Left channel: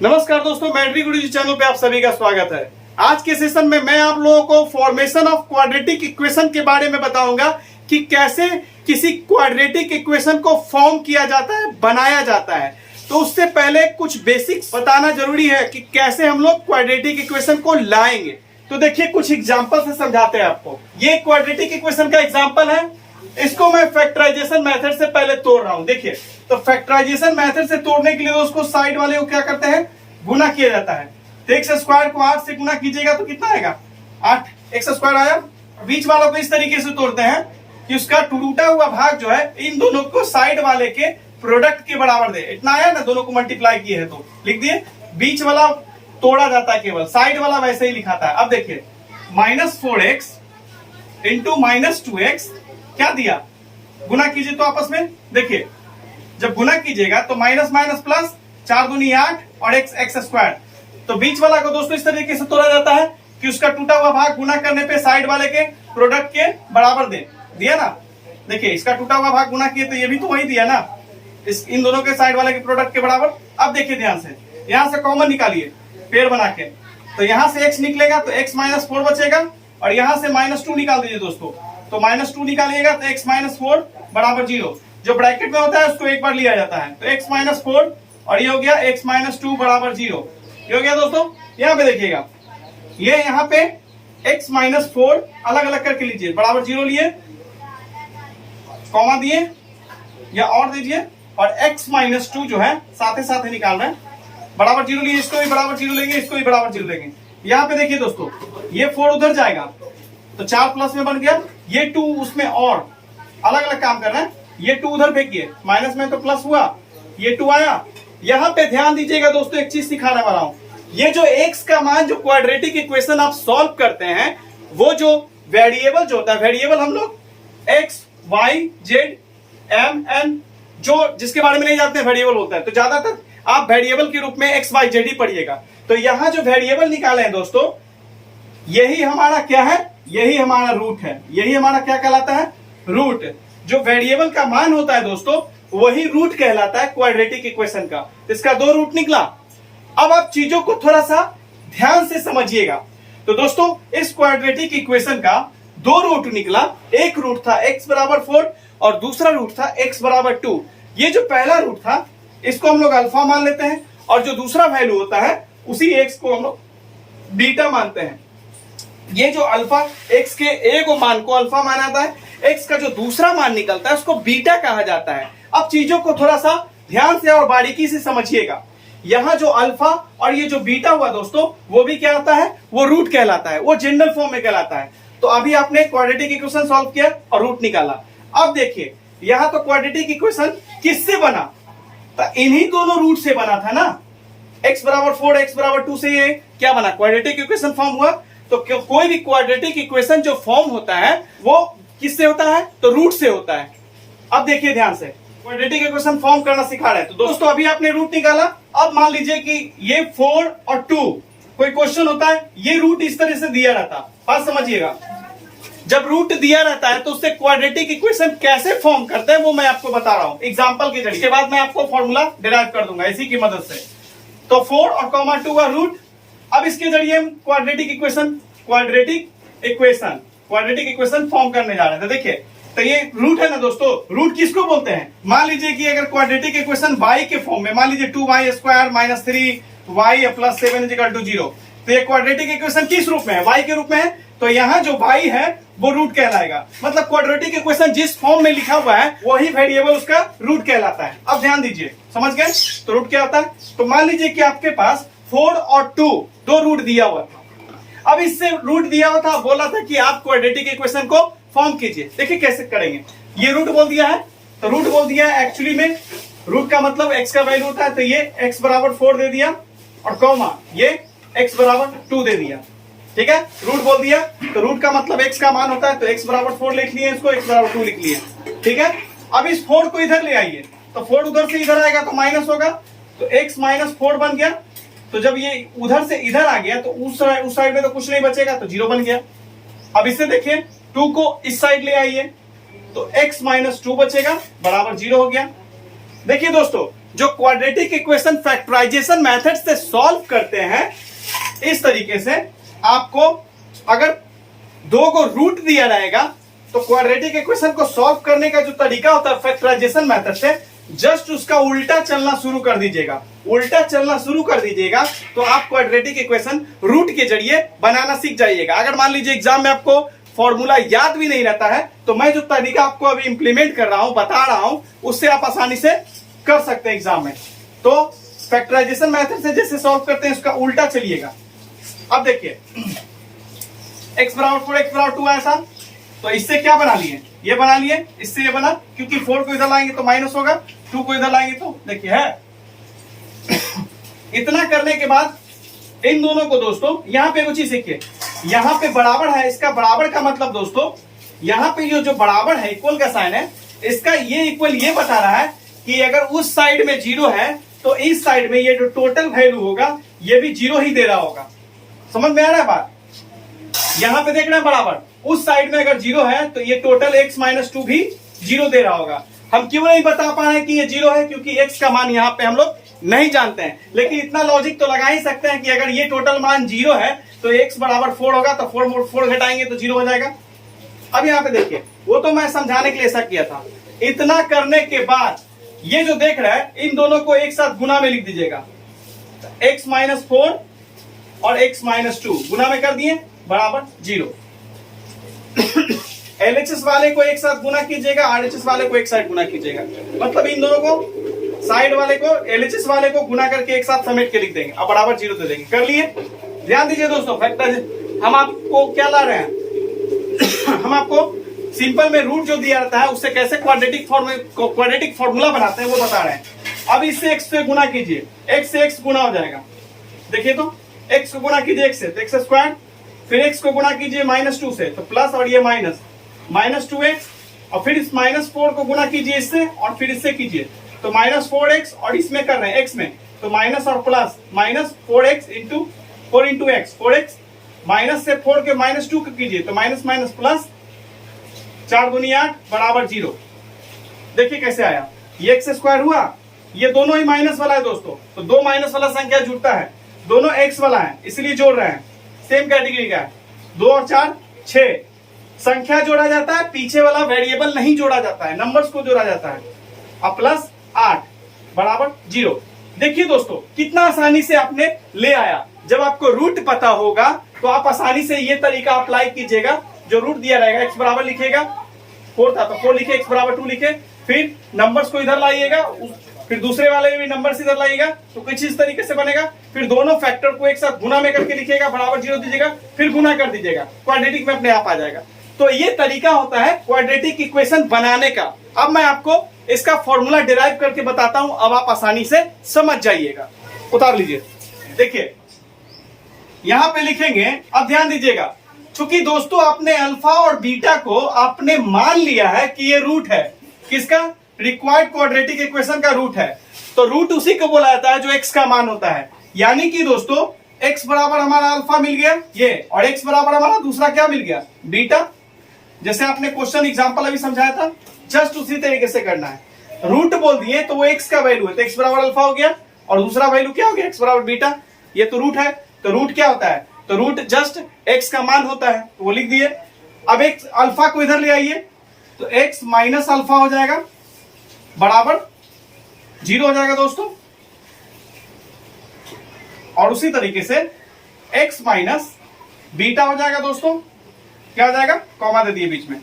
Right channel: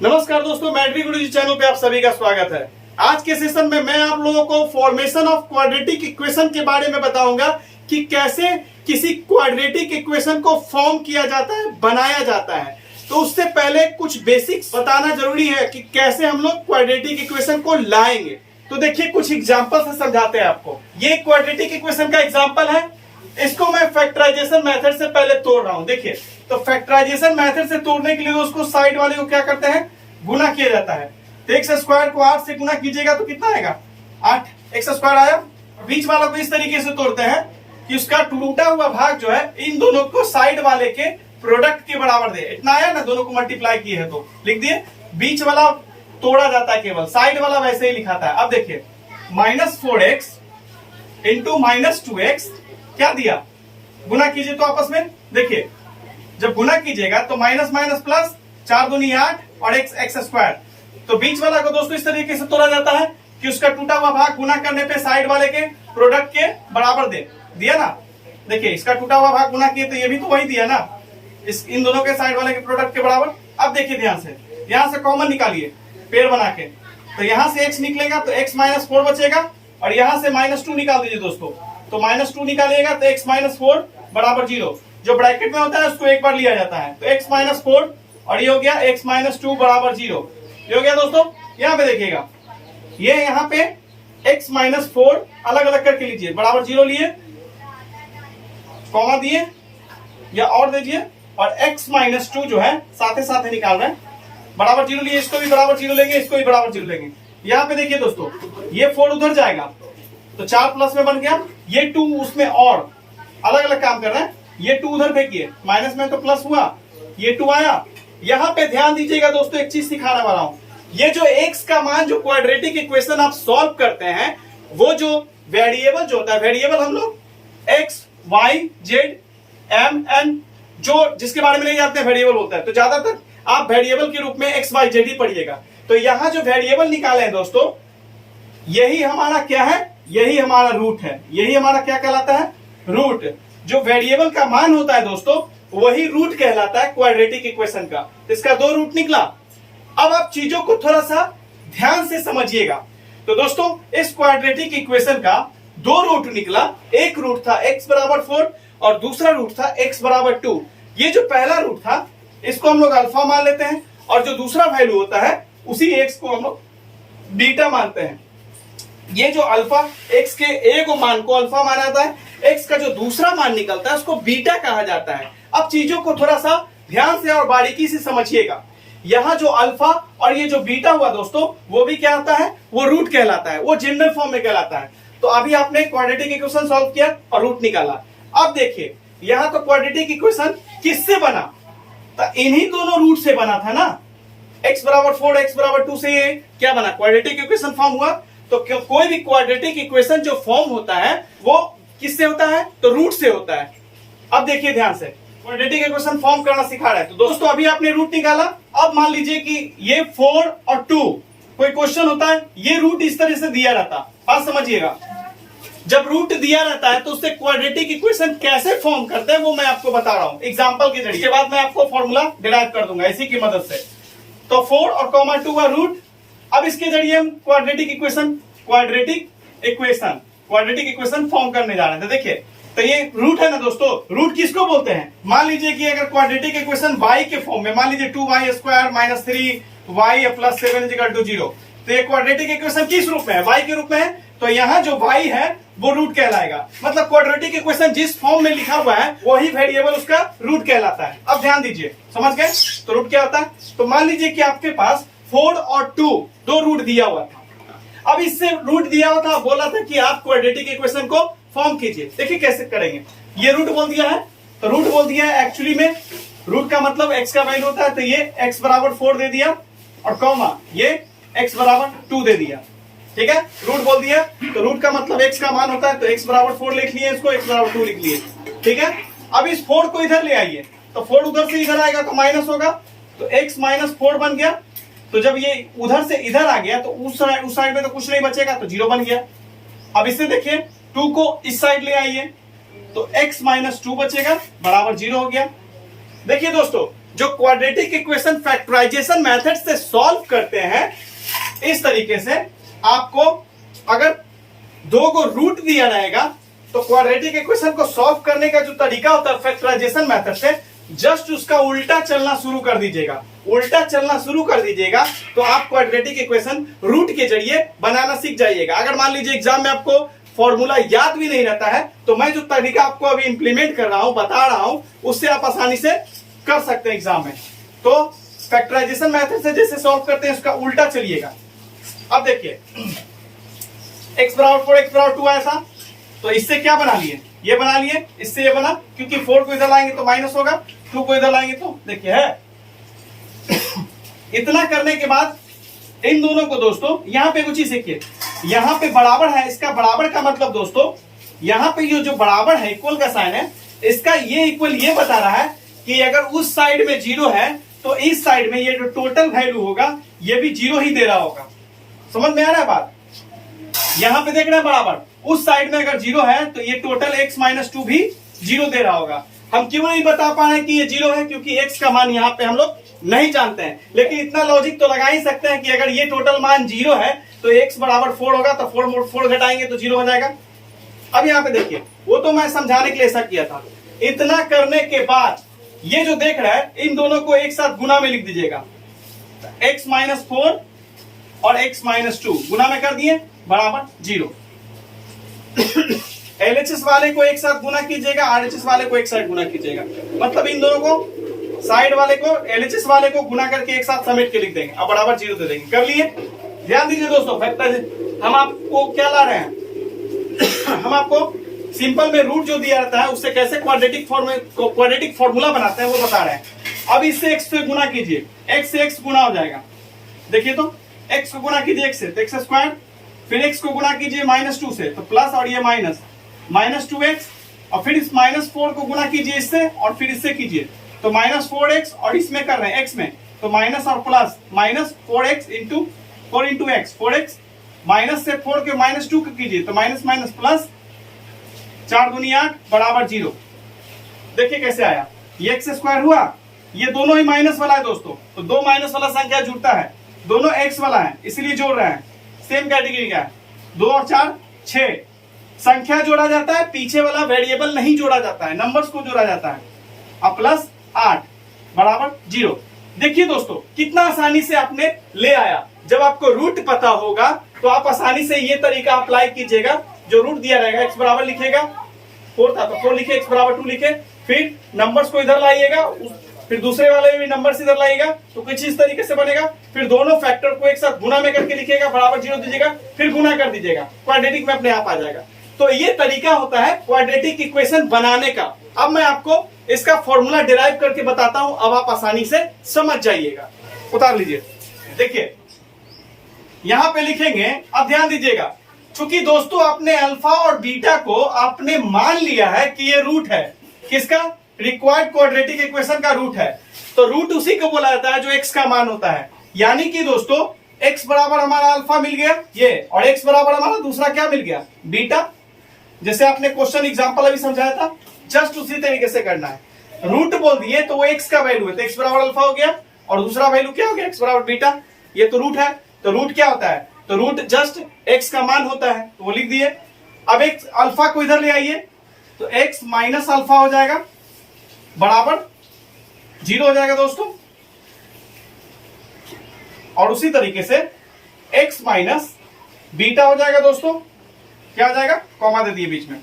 नमस्कार दोस्तों, मैट्रिक गुरुजी चैनल पे आप सभी का स्वागत है। आज के सेशन में मैं आप लोगों को फॉर्मेशन ऑफ क्वाड्रेटिक इक्वेशन के बारे में बताऊंगा कि कैसे किसी क्वाड्रेटिक इक्वेशन को फॉर्म किया जाता है, बनाया जाता है। तो उससे पहले कुछ बेसिक्स बताना जरूरी है कि कैसे हम लोग क्वाड्रेटिक इक्वेशन को लाएंगे। तो देखिए, कुछ एग्जाम्पल से समझाते हैं आपको। ये क्वाड्रेटिक इक्वेशन का एग्जाम्पल है। इसको मैं फैक्टराइजेशन मेथड से पहले तोड़ रहा हूं। देखिए, तो फैक्टराइजेशन मेथड से तोड़ने के लिए उसको साइड वाले को क्या करते हैं, गुना किया जाता है। तो एक्स स्क्वायर को 8 से गुना कीजिएगा तो कितना आएगा, 8 एक्स स्क्वायर आया। बीच वालों को इस तरीके से तोड़ते हैं कि उसका टूटा हुआ भाग जो है इन दोनों को साइड वाले के प्रोडक्ट के बराबर दे। इतना आया ना, दोनों को मल्टीप्लाई किए है तो लिख दिए। बीच वाला तोड़ा जाता है, केवल साइड वाला वैसे ही लिखाता है। अब देखिए, -4x इंटू -2x क्या दिया, गुना कीजिए तो आपस में। देखिए, जब गुना कीजिएगा तो माइनस माइनस प्लस, 4 दूनी 8 और एक्स स्क्वायर। तो बीच वाला को दोस्तों इस तरीके से तोड़ा जाता है कि उसका टूटा हुआ भाग गुना करने पे साइड वाले के प्रोडक्ट के बराबर दे दिया ना। देखिए, इसका टूटा हुआ भाग गुना किए तो ये भी तो वही दिया ना, इन दोनों के साइड वाले के प्रोडक्ट के बराबर। अब देखिए ध्यान से, यहां से कॉमन निकालिए पेड़ बना के। तो यहां से x निकलेगा तो x -4 बचेगा, और यहां से -2 निकाल दीजिए दोस्तों। तो -2 निकालिएगा तो x -4 बराबर 0। जो ब्रैकेट में होता है उसको एक बार लिया जाता है। तो x -4 और ये हो गया x -2 बराबर 0। ये हो गया दोस्तों। यहाँ पे देखिएगा, ये यहाँ पे x -4 अलग अलग करके लीजिए, बराबर 0 लिए, कॉमा दिए या और दीजिए, और x -2 जो है साथ ही निकाल रहे हैं, बराबर 0 लिए। इसको भी बराबर 0 लेंगे, इसको भी बराबर 0 लेंगे। यहाँ पे देखिए दोस्तों, ये 4 उधर जाएगा तो 4 प्लस में बन गया, ये 2 उसमें और अलग अलग काम कर रहे हैं। ये 2 उधर फेंकिए, माइनस में तो प्लस हुआ, ये 2 आया। यहाँ पे ध्यान दीजिएगा दोस्तों, एक चीज सिखाने वाला हूं। ये जो x का मान, जो क्वाड्रेटिक इक्वेशन आप सॉल्व करते हैं, वो जो वेरिएबल जो होता है, वेरिएबल हम लोग x, y, z, m, n जो जिसके बारे में नहीं जानते वेरिएबल होता है, तो ज्यादातर आप वेरिएबल के रूप में x, y, z ही पढ़िएगा। तो यहाँ जो वेरिएबल निकाले हैं दोस्तों, यही हमारा क्या है, यही हमारा रूट है। यही हमारा क्या कहलाता है, रूट। जो वेरिएबल का मान होता है दोस्तों, वही रूट कहलाता है क्वाड्रेटिक इक्वेशन का। इसका 2 रूट निकला। अब आप चीजों को थोड़ा सा ध्यान से समझिएगा। तो दोस्तों, इस क्वाड्रेटिक इक्वेशन का 2 रूट निकला। एक रूट था x बराबर 4 और दूसरा रूट था x बराबर 2। ये जो पहला रूट था, इसको हम लोग अल्फा मान लेते हैं, और जो दूसरा वैल्यू होता है उसी x को हम लोग बीटा मानते हैं। ये जो अल्फा, x के ए को मान को अल्फा माना जाता है, x का जो दूसरा मान निकलता है उसको बीटा कहा जाता है। अब चीजों को थोड़ा सा ध्यान से और बारीकी से समझिएगा। यहाँ जो अल्फा और ये जो बीटा हुआ दोस्तों, वो भी क्या होता है, वो रूट कहलाता है, वो जनरल फॉर्म में कहलाता है। तो अभी आपने क्वाड्रेटिक इक्वेशन सॉल्व किया और रूट निकाला। अब देखिए, यहाँ तो क्वाड्रेटिक इक्वेशन किससे बना, तो इन्हीं दोनों रूट से बना था ना। x बराबर 4, x बराबर 2 से ये क्या बना, क्वाड्रेटिक इक्वेशन फॉर्म हुआ। तो कोई भी क्वाड्रेटिक इक्वेशन जो फॉर्म होता है वो किससे होता है, तो रूट से होता है। अब देखिए ध्यान से, क्वाड्रेटिक इक्वेशन फॉर्म करना सिखा रहे हैं। तो दोस्तों, अभी आपने रूट निकाला। अब मान लीजिए कि ये 4 और 2 कोई क्वेश्चन होता है, ये रूट इस तरह से दिया रहता। बात समझिएगा, जब रूट दिया रहता है तो उससे क्वाड्रेटिक इक्वेशन कैसे फॉर्म करते हैं वो मैं आपको बता रहा हूं एग्जांपल के जरिए। के बाद मैं आपको फॉर्मूला डिराइव कर दूंगा इसी की मदद से। तो 4 और 2 का रूट। अब इसके जरिए हम क्वाड्रेटिक इक्वेशन फॉर्म करने जा रहे हैं। तो देखिए, तो ये रूट है ना दोस्तों, रूट किसको बोलते हैं। मान लीजिए कि अगर क्वाड्रेटिक इक्वेशन y के फॉर्म में, मान लीजिए 2y square minus 3y plus 7 equal to 0, तो ये क्वाड्रेटिक इक्वेशन किस रूप में है, y के रूप में है। तो यहाँ जो y है वो रूट कहलाएगा। मतलब क्वाड्रेटिक इक्वेशन जिस फॉर्म में लिखा हुआ है वही वेरिएबल उसका रूट कहलाता है। अब ध्यान दीजिए, समझ गए। तो रूट क्या होता है, तो मान लीजिए कि आपके पास 4 और 2 दो रूट दिया हुआ था। अब इससे रूट दिया हुआ था, बोला था कि आप क्वाड्रेटिक इक्वेशन को फॉर्म कीजिए। देखिए कैसे करेंगे। ये रूट बोल दिया है, तो रूट बोल दिया है। एक्चुअली में रूट का मतलब x का वैल्यू होता है, तो ये x बराबर 4 दे दिया, और कॉमा ये x बराबर 2 दे दिया। ठीक है, रूट बोल दिया, तो रूट का मतलब x का मान होता है, तो x बराबर 4 लिख लिए, इसको x बराबर 2 लिख लिए। ठीक है, अब इस 4 को इधर ले आइए, तो 4 उधर से इधर आएगा तो माइनस होगा, तो x -4 बन गया। तो जब ये उधर से इधर आ गया तो उस साइड में तो कुछ नहीं बचेगा, तो 0 बन गया। अब इससे देखिए, 2 को इस साइड ले आइए, तो x -2 बचेगा, बराबर 0 हो गया। देखिए दोस्तों, जो क्वाड्रेटिक इक्वेशन फैक्टराइजेशन मेथड से सॉल्व करते हैं, इस तरीके से आपको अगर दो को रूट दिया रहेगा तो क्वाड्रेटिक इक्वेशन को सॉल्व करने का जो तरीका होता है फैक्टराइजेशन मेथड से, जस्ट उसका उल्टा चलना शुरू कर दीजिएगा। उल्टा चलना शुरू कर दीजिएगा तो आप क्वाड्रेटिक इक्वेशन रूट के जरिए बनाना सीख जाइएगा। अगर मान लीजिए एग्जाम में आपको फॉर्मूला याद भी नहीं रहता है तो मैं जो तरीका आपको अभी इंप्लीमेंट कर रहा हूं, बता रहा हूं, उससे आप आसानी से कर सकते हैं एग्जाम में। तो फैक्टराइजेशन मेथड से जैसे सॉल्व करते हैं उसका उल्टा चलिएगा। अब देखिए x बराबर 4 x बराबर 2 आया था, तो इससे क्या बना लिए, ये बना लिए, इससे ये बना, क्योंकि 4 को इधर लाएंगे तो माइनस होगा, 2 को इधर लाएंगे तो देखिए है। इतना करने के बाद इन दोनों को दोस्तों यहां पे कुछ चीज सीखिए, यहां पे बराबर है, इसका बराबर का मतलब दोस्तों यहां पे जो बराबर है, इक्वल का साइन है, इसका ये इक्वल ये बता रहा है कि अगर उस साइड में 0 है तो इस साइड में ये जो टोटल वैल्यू होगा ये भी 0 ही दे रहा होगा। समझ में आ रहा है बात? यहां पे देख रहे हैं बराबर, उस साइड में अगर 0 है तो ये टोटल x माइनस 2 भी 0 दे रहा होगा। हम क्यों नहीं बता पा रहे हैं कि ये 0 है, क्योंकि x का मान यहां पे हम लोग नहीं जानते हैं, लेकिन इतना लॉजिक तो लगा ही सकते हैं कि अगर ये टोटल मान 0 है तो x बराबर 4 होगा, तो 4 घटाएंगे तो 0 हो जाएगा। अब यहाँ पे देखिए, वो तो मैं समझाने के लिए ऐसा किया था। इतना करने के बाद ये जो देख रहा है इन दोनों को एक साथ गुना में लिख दीजिएगा, x माइनस 4 और x माइनस 2 गुना में कर दिए बराबर 0। LHS वाले को एक साथ गुना कीजिएगा, RHS वाले को एक साथ गुना कीजिएगा, मतलब इन दोनों को साइड वाले को LHS वाले को गुना करके एक साथ समेट के लिख देंगे, अब बराबर 0 दे देंगे। कर लिए? ध्यान दीजिए दोस्तों, फैक्टर हम आपको क्या ला रहे हैं हम आपको सिंपल में रूट जो दिया रहता है उससे कैसे क्वाड्रेटिक फॉर्मूला बनाते हैं वो बता रहे हैं। अब इससे x से गुना कीजिए, x से x गुना हो जाएगा। देखिए तो x को गुना कीजिए x से तो x स्क्वायर, फिर x को गुना कीजिए -2 से तो प्लस, और ये माइनस 2x, और फिर इस -4 को गुना कीजिए इससे और फिर इससे कीजिए तो -4x, और इसमें कर रहे हैं x में तो माइनस और plus, -4x into 4 into x, 4x minus से 4 के -2 को कीजिए तो माइनस माइनस प्लस, 4 दूनी 8 बराबर 0। देखिए कैसे आया, ये x स्क्वायर हुआ, ये दोनों ही माइनस वाला है दोस्तों, तो दो माइनस वाला संख्या जुड़ता है, दोनों x वाला है इसलिए जोड़ रहे हैं, सेम कैटेगरी का है। 2 और 4 6, संख्या जोड़ा जाता है, पीछे वाला वेरिएबल नहीं जोड़ा जाता है, नंबर्स को जोड़ा जाता है। अब प्लस 8 बराबर 0। देखिए दोस्तों कितना आसानी से आपने ले आया। जब आपको रूट पता होगा तो आप आसानी से ये तरीका अप्लाई कीजिएगा। जो रूट दिया रहेगा x बराबर लिखेगा, 4 था तो 4 लिखे, x बराबर 2 लिखे, फिर नंबर्स को इधर लाइएगा, फिर दूसरे वाले भी नंबर इधर लाइएगा तो कुछ इस तरीके से बनेगा। फिर दोनों फैक्टर को एक साथ गुना में करके लिखिएगा, बराबर 0 दीजिएगा, फिर गुना कर दीजिएगा, क्वाड्रेटिक में अपने आप आ जाएगा। तो ये तरीका होता है क्वाड्रेटिक इक्वेशन बनाने का। अब मैं आपको इसका फॉर्मूला डिराइव करके बताता हूं, अब आप आसानी से समझ जाइएगा। उतार लीजिए, देखिए यहां पे लिखेंगे। अब ध्यान दीजिएगा, क्योंकि दोस्तों आपने अल्फा और बीटा को आपने मान लिया है कि ये रूट है, किसका? रिक्वायर्ड क्वाड्रेटिक इक्वेशन का रूट है। तो रूट उसी को बोला जाता है जो x का मान होता है। यानी कि दोस्तों x बराबर हमारा अल्फा मिल गया ये, और x बराबर हमारा दूसरा क्या मिल गया? बीटा। जैसे आपने क्वेश्चन एग्जांपल अभी समझाया था, जस्ट उसी तरीके से करना है। रूट बोल दिए तो वो x का वैल्यू है, तो x बराबर अल्फा हो गया, और दूसरा वैल्यू क्या हो गया? x बराबर बीटा। ये तो रूट है। तो रूट क्या होता है? तो रूट जस्ट x का मान होता है, तो वो लिख दिए। अब x अल्फा को इधर ले आइए तो x माइनस अल्फा हो जाएगा, बराबर 0 हो जाएगा दोस्तों। और उसी तरीके से x माइनस बीटा हो जाएगा दोस्तों। क्या हो जाएगा? कॉमा दे दिए बीच में,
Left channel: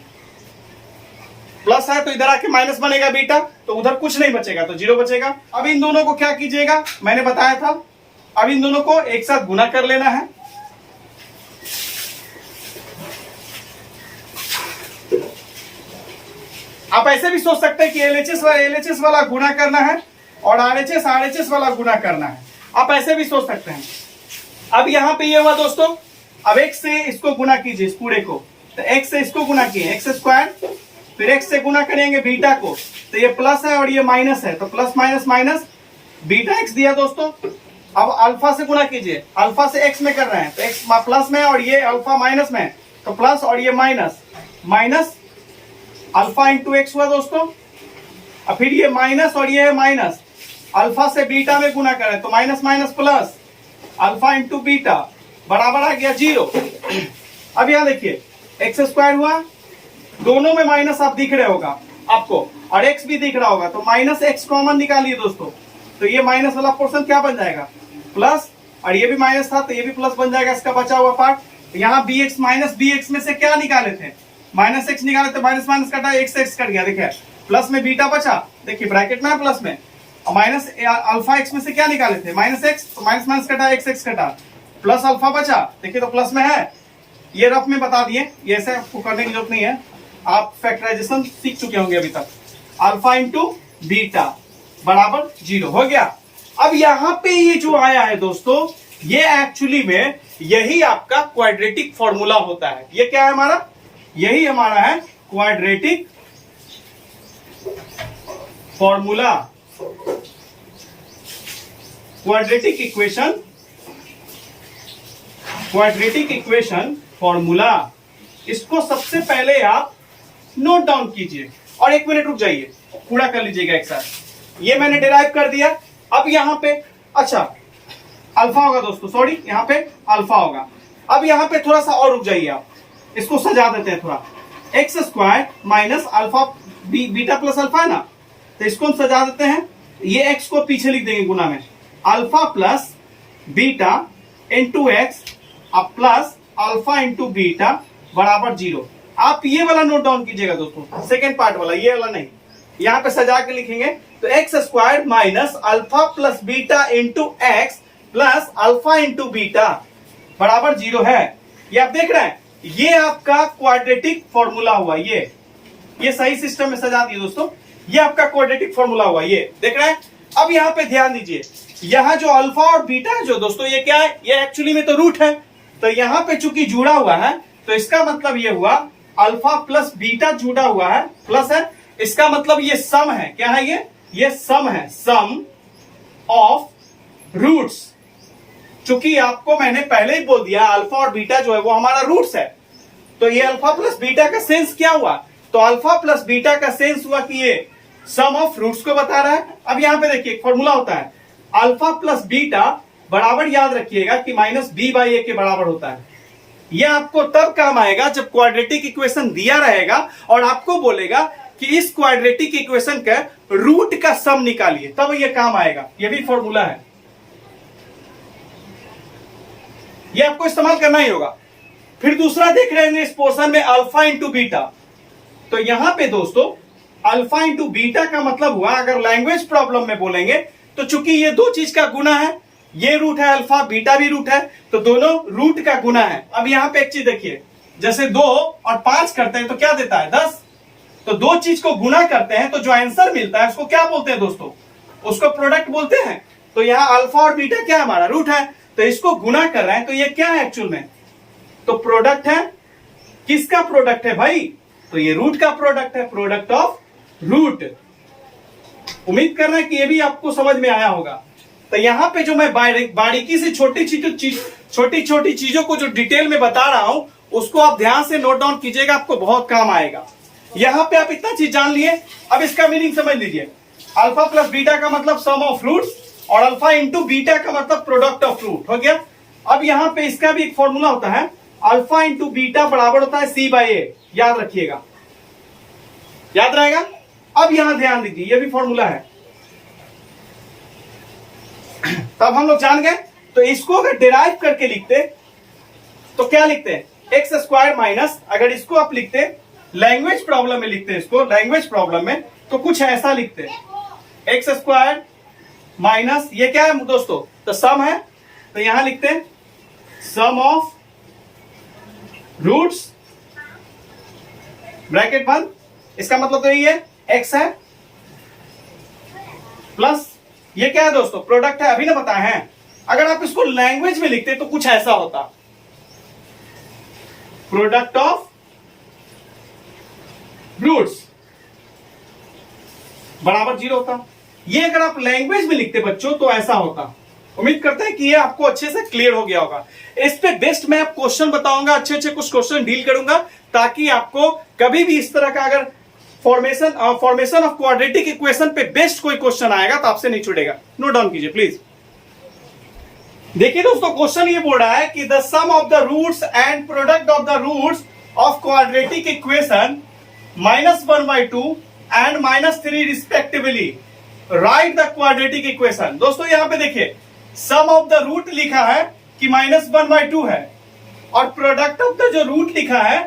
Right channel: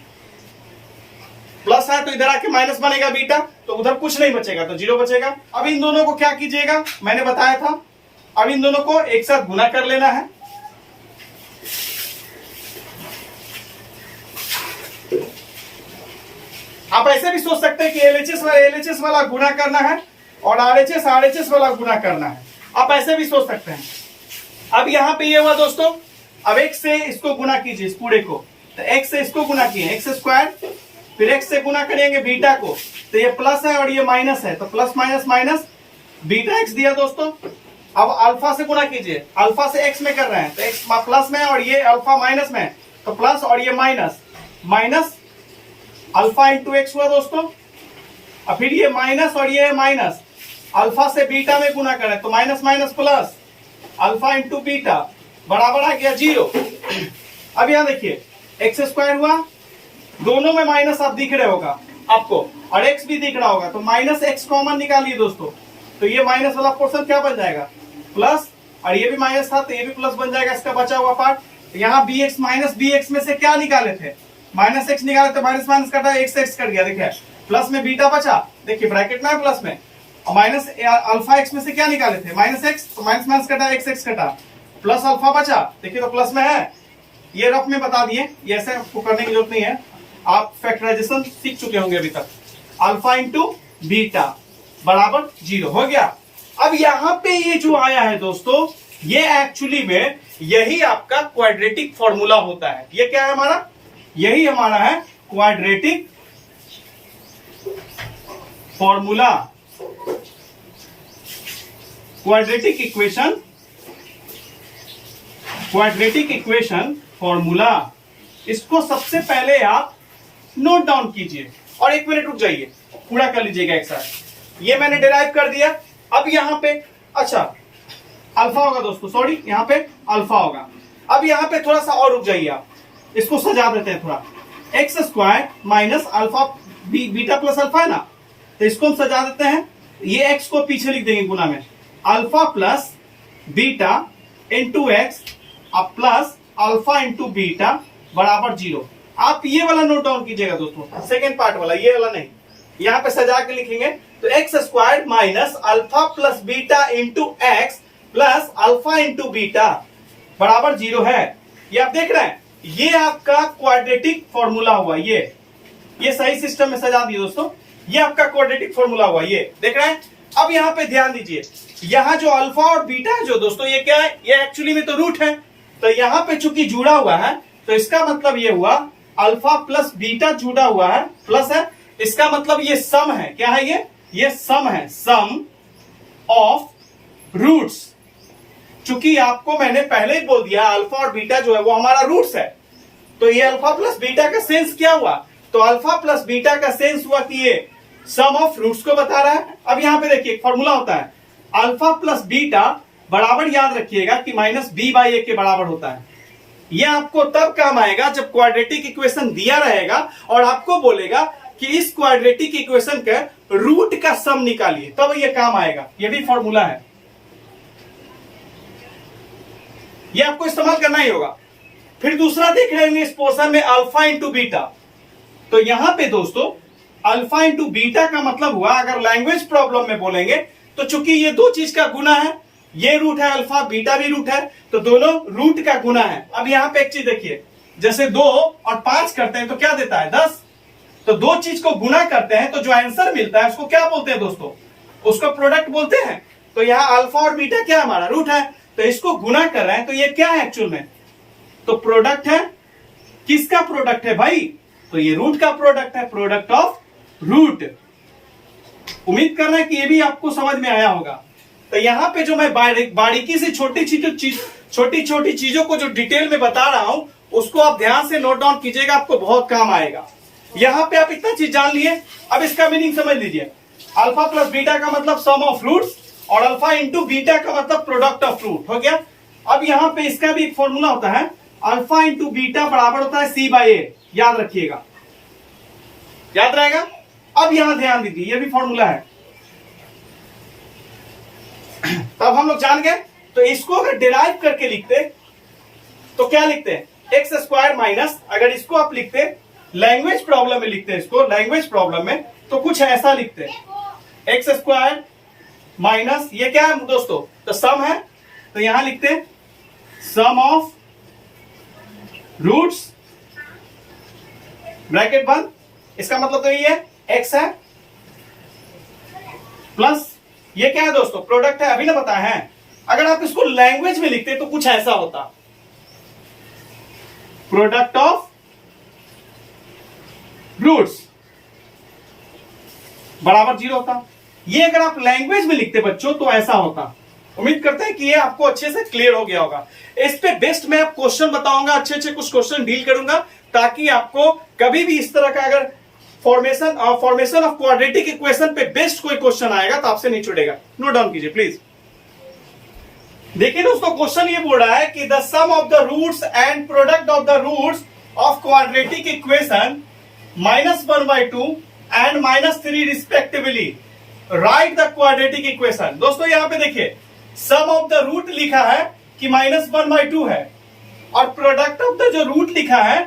प्लस है तो इधर आके माइनस बनेगा बीटा, तो उधर कुछ नहीं बचेगा तो 0 बचेगा। अब इन दोनों को क्या कीजिएगा, मैंने बताया था, अब इन दोनों को एक साथ गुना कर लेना है। आप ऐसे भी सोच सकते हैं कि LHS वाला गुना करना है और RHS वाला गुना करना है, आप ऐसे भी सोच सकते हैं। अब यहां पे ये हुआ दोस्तों, अब x से इसको गुना कीजिए, इस पूरे को, तो x से इसको गुना किए x स्क्वायर, फिर x से गुना करेंगे बीटा को, तो ये प्लस है और ये माइनस है, तो plus minus minus beta x दिया दोस्तों। अब अल्फा से गुना कीजिए, अल्फा से x में कर रहे हैं तो x प्लस में और ये अल्फा माइनस में, तो प्लस और ये minus, minus alpha into x हुआ दोस्तों। अब फिर ये माइनस और ये है माइनस, अल्फा से बीटा में गुना करें तो minus minus plus, alpha into beta बराबर आ गया 0। अब यहां देखिए एक्स स्क्वायर हुआ, दोनों में माइनस आप दिख रहे होगा आपको, और एक्स भी दिख रहा होगा, तो माइनस एक्स कॉमन निकालिए दोस्तों, तो ये माइनस वाला पोर्शन क्या बन जाएगा प्लस, और ये भी माइनस था तो ये भी प्लस बन जाएगा इसका बचा हुआ पार्ट। तो यहाँ b x minus b x में से क्या निकाले थे, माइनस एक्स निकाले तो माइनस माइनस कटा, एक्स एक्स कट गया, देखिए प्लस में बीटा बचा, देखिए ब्रैकेट में प्लस में, और माइनस अल्फा एक्स में से क्या निकाले थे माइनस एक्स, तो माइनस माइनस कटा, एक्स एक्स कटा, प्लस अल्फा बचा, देखिए तो प्लस में है। ये रफ में बता दिए, ये ऐसे आपको करने की जरूरत नहीं है, आप फैक्टराइजेशन सीख चुके होंगे अभी तक। अल्फा इंटू बीटा बराबर 0 हो गया। अब यहां पे ये जो आया है दोस्तों, ये एक्चुअली में यही आपका क्वाड्रेटिक फॉर्मूला होता है। ये क्या है हमारा, यही हमारा है quadratic formula, quadratic equation, quadratic equation formula. इसको सबसे पहले आप नोट डाउन कीजिए और 1 मिनट रुक जाइए, पूरा कर लीजिएगा एक साथ। ये मैंने डिराइव कर दिया। अब यहां पे अच्छा अल्फा होगा दोस्तों, सॉरी यहां पे अल्फा होगा। अब यहां पे थोड़ा सा और रुक जाइए, आप इसको सजा देते हैं थोड़ा, x square minus alpha beta plus alpha है ना, तो इसको हम सजा देते हैं, ये एक्स को पीछे लिख देंगे गुना में, alpha plus beta into x अब प्लस अल्फा इंटू बीटा बराबर 0। आप ये वाला नोट डाउन कीजिएगा दोस्तों, सेकेंड पार्ट वाला, ये वाला नहीं, यहां पे सजा के लिखेंगे तो x square minus alpha plus beta into x plus alpha into beta बराबर 0 है। ये आप देख रहे हैं, ये आपका क्वाड्रेटिक फॉर्मूला हुआ। ये सही सिस्टम में सजा दिए दोस्तों, ये आपका क्वाड्रेटिक फॉर्मूला हुआ, ये देख रहे हैं। अब यहां पे ध्यान दीजिए, यहां जो अल्फा और बीटा है जो दोस्तों, ये क्या है, ये एक्चुअली में तो रूट है, तो यहां पे चूंकि जुड़ा हुआ है तो इसका मतलब ये हुआ अल्फा प्लस बीटा जुड़ा हुआ है, प्लस है, इसका मतलब ये सम है। क्या है ये सम है, सम ऑफ रूट्स। चूंकि आपको मैंने पहले ही बोल दिया अल्फा और बीटा जो है वो हमारा रूट्स है, तो ये अल्फा प्लस बीटा का सेंस क्या हुआ, तो अल्फा प्लस बीटा का सेंस हुआ कि ये सम ऑफ रूट्स को बता रहा है। अब यहां पे देखिए फॉर्मूला होता है अल्फा प्लस बीटा बराबर, याद रखिएगा कि माइनस बी बाई ए के बराबर होता है। यह आपको तब काम आएगा जब क्वाड्रेटिक इक्वेशन दिया रहेगा और आपको बोलेगा कि इस क्वाड्रेटिक इक्वेशन के रूट का सम निकालिए, तब यह काम आएगा। यह भी फॉर्मूला है, यह आपको इस्तेमाल करना ही होगा। फिर दूसरा देख रहे हैं इस पोर्शन में अल्फा इंटू बीटा, तो यहां पे दोस्तों अल्फा इंटू बीटा का मतलब हुआ, अगर लैंग्वेज प्रॉब्लम में बोलेंगे तो चूंकि ये दो चीज का गुना है, ये रूट है अल्फा, बीटा भी रूट है, तो दोनों रूट का गुना है। अब यहां पे एक चीज देखिए, जैसे 2 और 5 करते हैं तो क्या देता है 10, तो दो चीज को गुना करते हैं तो जो आंसर मिलता है उसको क्या बोलते हैं दोस्तों, उसको प्रोडक्ट बोलते हैं। तो यहाँ अल्फा और बीटा क्या हमारा रूट है, तो इसको गुना कर रहे हैं, तो ये क्या है एक्चुअल में, तो प्रोडक्ट है। किसका प्रोडक्ट है भाई, तो ये रूट का प्रोडक्ट है, प्रोडक्ट ऑफ रूट। उम्मीद कर रहे हैं कि ये भी आपको समझ में आया होगा। तो यहां पे जो मैं बारीकी से छोटी छोटी चीजों को जो डिटेल में बता रहा हूं उसको आप ध्यान से नोट डाउन कीजिएगा, आपको बहुत काम आएगा। यहां पे आप इतना चीज जान लिए, अब इसका मीनिंग समझ लीजिए। अल्फा प्लस बीटा का मतलब सम ऑफ रूट्स, और अल्फा इंटू बीटा का मतलब प्रोडक्ट ऑफ रूट हो गया। अब यहां पे इसका भी एक फॉर्मूला होता है, अल्फा इंटू बीटा बराबर होता है सी बाई ए, याद रखिएगा, याद रहेगा। अब यहां ध्यान दीजिए, यह भी फॉर्मूला है, तब हम लोग जान गए। तो इसको अगर डिराइव करके लिखते तो क्या लिखते हैं, एक्स स्क्वायर माइनस, अगर इसको आप लिखते लैंग्वेज प्रॉब्लम में लिखते हैं, इसको लैंग्वेज प्रॉब्लम में तो कुछ ऐसा लिखते हैं, एक्स स्क्वायर माइनस ये क्या है दोस्तों, तो सम है, तो यहां लिखते हैं सम ऑफ रूट्स ब्रैकेट बंद, इसका मतलब तो ये है एक्स है, प्लस ये क्या है दोस्तों, प्रोडक्ट है, अभी ना बताए हैं। अगर आप इसको लैंग्वेज में लिखते तो कुछ ऐसा होता, प्रोडक्ट ऑफ रूट्स बराबर 0 होता। ये अगर आप लैंग्वेज में लिखते बच्चों तो ऐसा होता। उम्मीद करते हैं कि ये आपको अच्छे से क्लियर हो गया होगा। इस पे बेस्ट मैं क्वेश्चन बताऊंगा, अच्छे अच्छे कुछ क्वेश्चन डील करूंगा, ताकि आपको कभी भी इस तरह का अगर फॉर्मेशन ऑफ क्वाड्रेटिक इक्वेशन पे बेस्ट कोई क्वेश्चन आएगा तो आपसे नहीं छूटेगा, नोट डाउन कीजिए प्लीज। देखिए दोस्तों, क्वेश्चन ये बोल रहा है कि the sum of the roots and product of the roots of quadratic equation -1/2 and -3 respectively, right the quadratic equation. दोस्तों यहां पे देखिए, सम ऑफ द रूट लिखा है कि -1/2 है, और प्रोडक्ट ऑफ द जो रूट लिखा है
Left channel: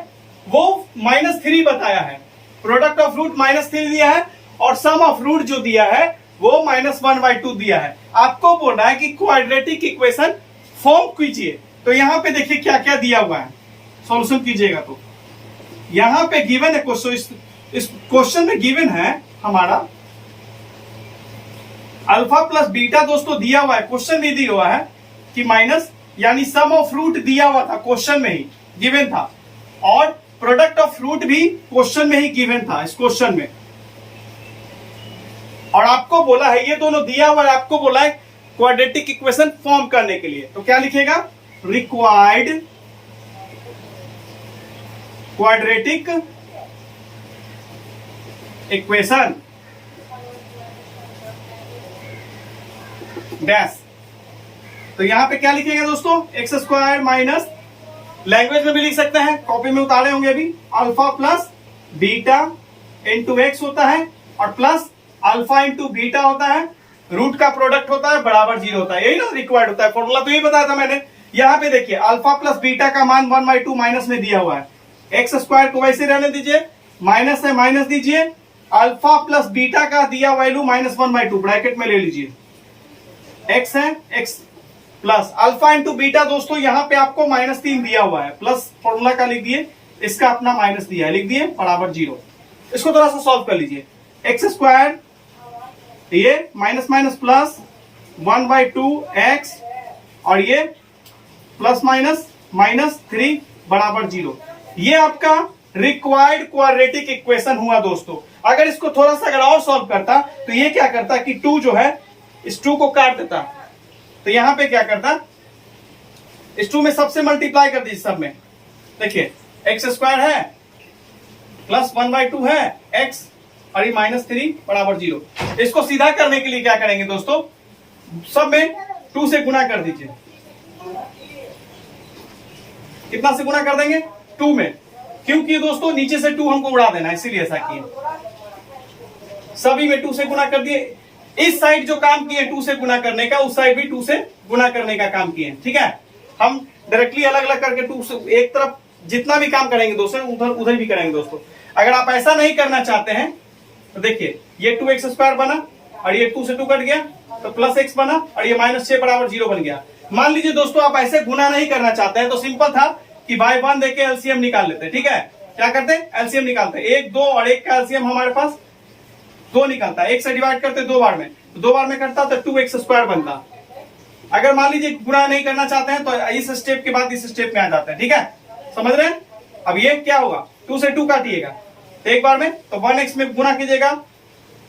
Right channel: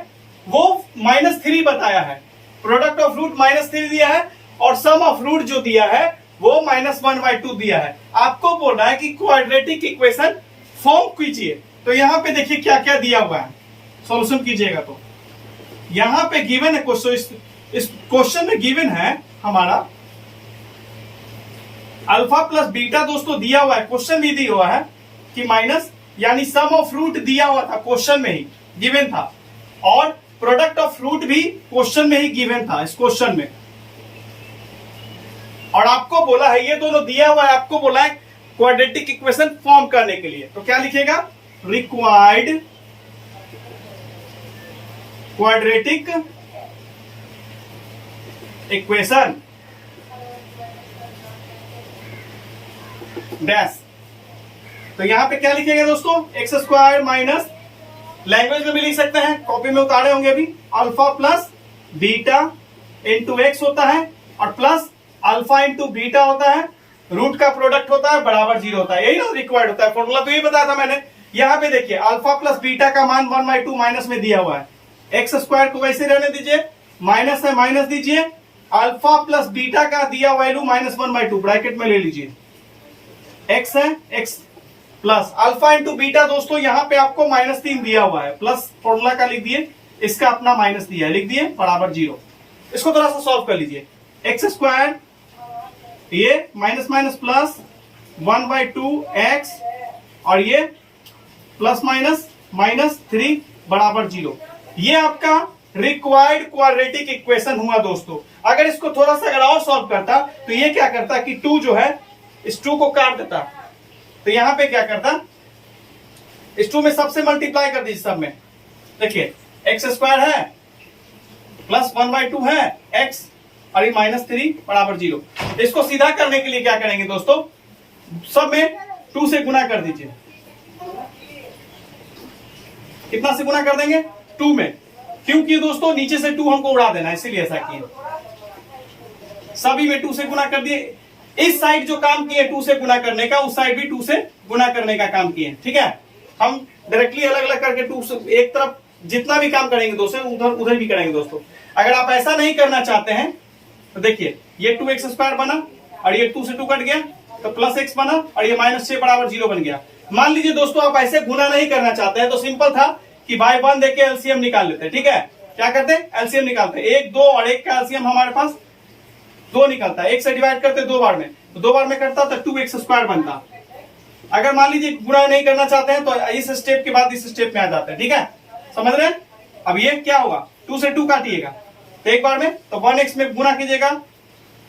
वो -3 बताया है। प्रोडक्ट ऑफ रूट -3 दिया है और सम ऑफ रूट जो दिया है वो -1/2 दिया है। आपको बोल रहा है कि क्वाड्रेटिक इक्वेशन फॉर्म कीजिए। तो यहां पे देखिए क्या क्या दिया हुआ है, सॉल्यूशन कीजिएगा। तो यहां पे गिवन है क्वेश्चन, इस क्वेश्चन में गिवन है हमारा अल्फा प्लस बीटा दोस्तों दिया हुआ है, क्वेश्चन भी दिया हुआ है कि माइनस, यानी सम ऑफ रूट दिया हुआ था क्वेश्चन में ही गिवन था, और प्रोडक्ट ऑफ रूट भी क्वेश्चन में ही गिवन था इस क्वेश्चन में। और आपको बोला है, ये दोनों दिया हुआ है, आपको बोला है क्वाड्रेटिक इक्वेशन फॉर्म करने के लिए। तो क्या लिखेगा, रिक्वायर्ड क्वाड्रेटिक इक्वेशन डैश। तो यहां पे क्या लिखेगा दोस्तों, एक्स स्क्वायर माइनस, लैंग्वेज में भी लिख सकते हैं, कॉपी में उतारे होंगे अभी, alpha plus beta into x होता है, और प्लस अल्फा इंटू बीटा होता है, रूट का प्रोडक्ट होता है बराबर 0 होता है। यही ना रिक्वायर्ड होता है, फॉर्मूला तो ये बताया था मैंने। यहां पे देखिए अल्फा प्लस बीटा का मान 1/2 माइनस में दिया हुआ है, एक्स स्क्वायर को वैसे रहने दीजिए, माइनस है माइनस दीजिए, अल्फा प्लस बीटा का दिया वैल्यू -1/2 ब्रैकेट में ले लीजिए, एक्स है x plus alpha into beta. दोस्तों यहां पे आपको -3 दिया हुआ है, प्लस फॉर्मूला का लिख दिए, इसका अपना माइनस दिया है, लिख दिए बराबर 0। इसको थोड़ा सा सॉल्व कर लीजिए, एक्स स्क्वायर ये माइनस माइनस प्लस 1/2 एक्स, और ये प्लस माइनस -3 बराबर 0। ये आपका रिक्वायर्ड क्वाड्रेटिक इक्वेशन हुआ दोस्तों। अगर इसको थोड़ा सा अगर और सॉल्व करता तो ये क्या करता कि 2 जो है इस 2 को काट देता, तो यहां पे क्या करता, इस 2 में सबसे मल्टीप्लाई कर दीजिए सब में। देखिए एक्स स्क्वायर है प्लस 1/2 है एक्स, और ये -3 बराबर 0। इसको सीधा करने के लिए क्या करेंगे दोस्तों, सब में 2 से गुना कर दीजिए। कितना से गुना कर देंगे, 2 में, क्योंकि दोस्तों नीचे से 2 हमको उड़ा देना है, इसीलिए ऐसा किए। सभी में 2 से गुना कर दिए। इस साइड जो काम किए 2 से गुना करने का, उस साइड भी 2 से गुना करने का काम किए, ठीक है। हम डायरेक्टली अलग अलग करके 2 से, एक तरफ जितना भी काम करेंगे दोस्तों उधर उधर भी करेंगे दोस्तों। अगर आप ऐसा नहीं करना चाहते हैं तो देखिए ये 2x स्क्वायर बना, और ये 2 से 2 कट गया तो प्लस x बना, और ये -6 बराबर 0 बन गया। मान लीजिए दोस्तों आप ऐसे गुना नहीं करना चाहते हैं तो सिंपल था कि बाय 1 देके एलसीएम निकाल लेते हैं, ठीक है। क्या करते हैं, एलसीएम निकालते हैं, 1 2 और 1 का एलसीएम हमारे पास 2 निकलता है, 1 से डिवाइड करते 2 बार में, तो 2 बार में करता तो 2x स्क्वायर बनता। अगर मान लीजिए गुना नहीं करना चाहते हैं तो इस स्टेप के बाद इस स्टेप में आ जाता है, ठीक है, समझ रहे हैं। अब ये क्या होगा, 2 से 2 काटिएगा तो एक बार में, तो 1x में गुना कीजिएगा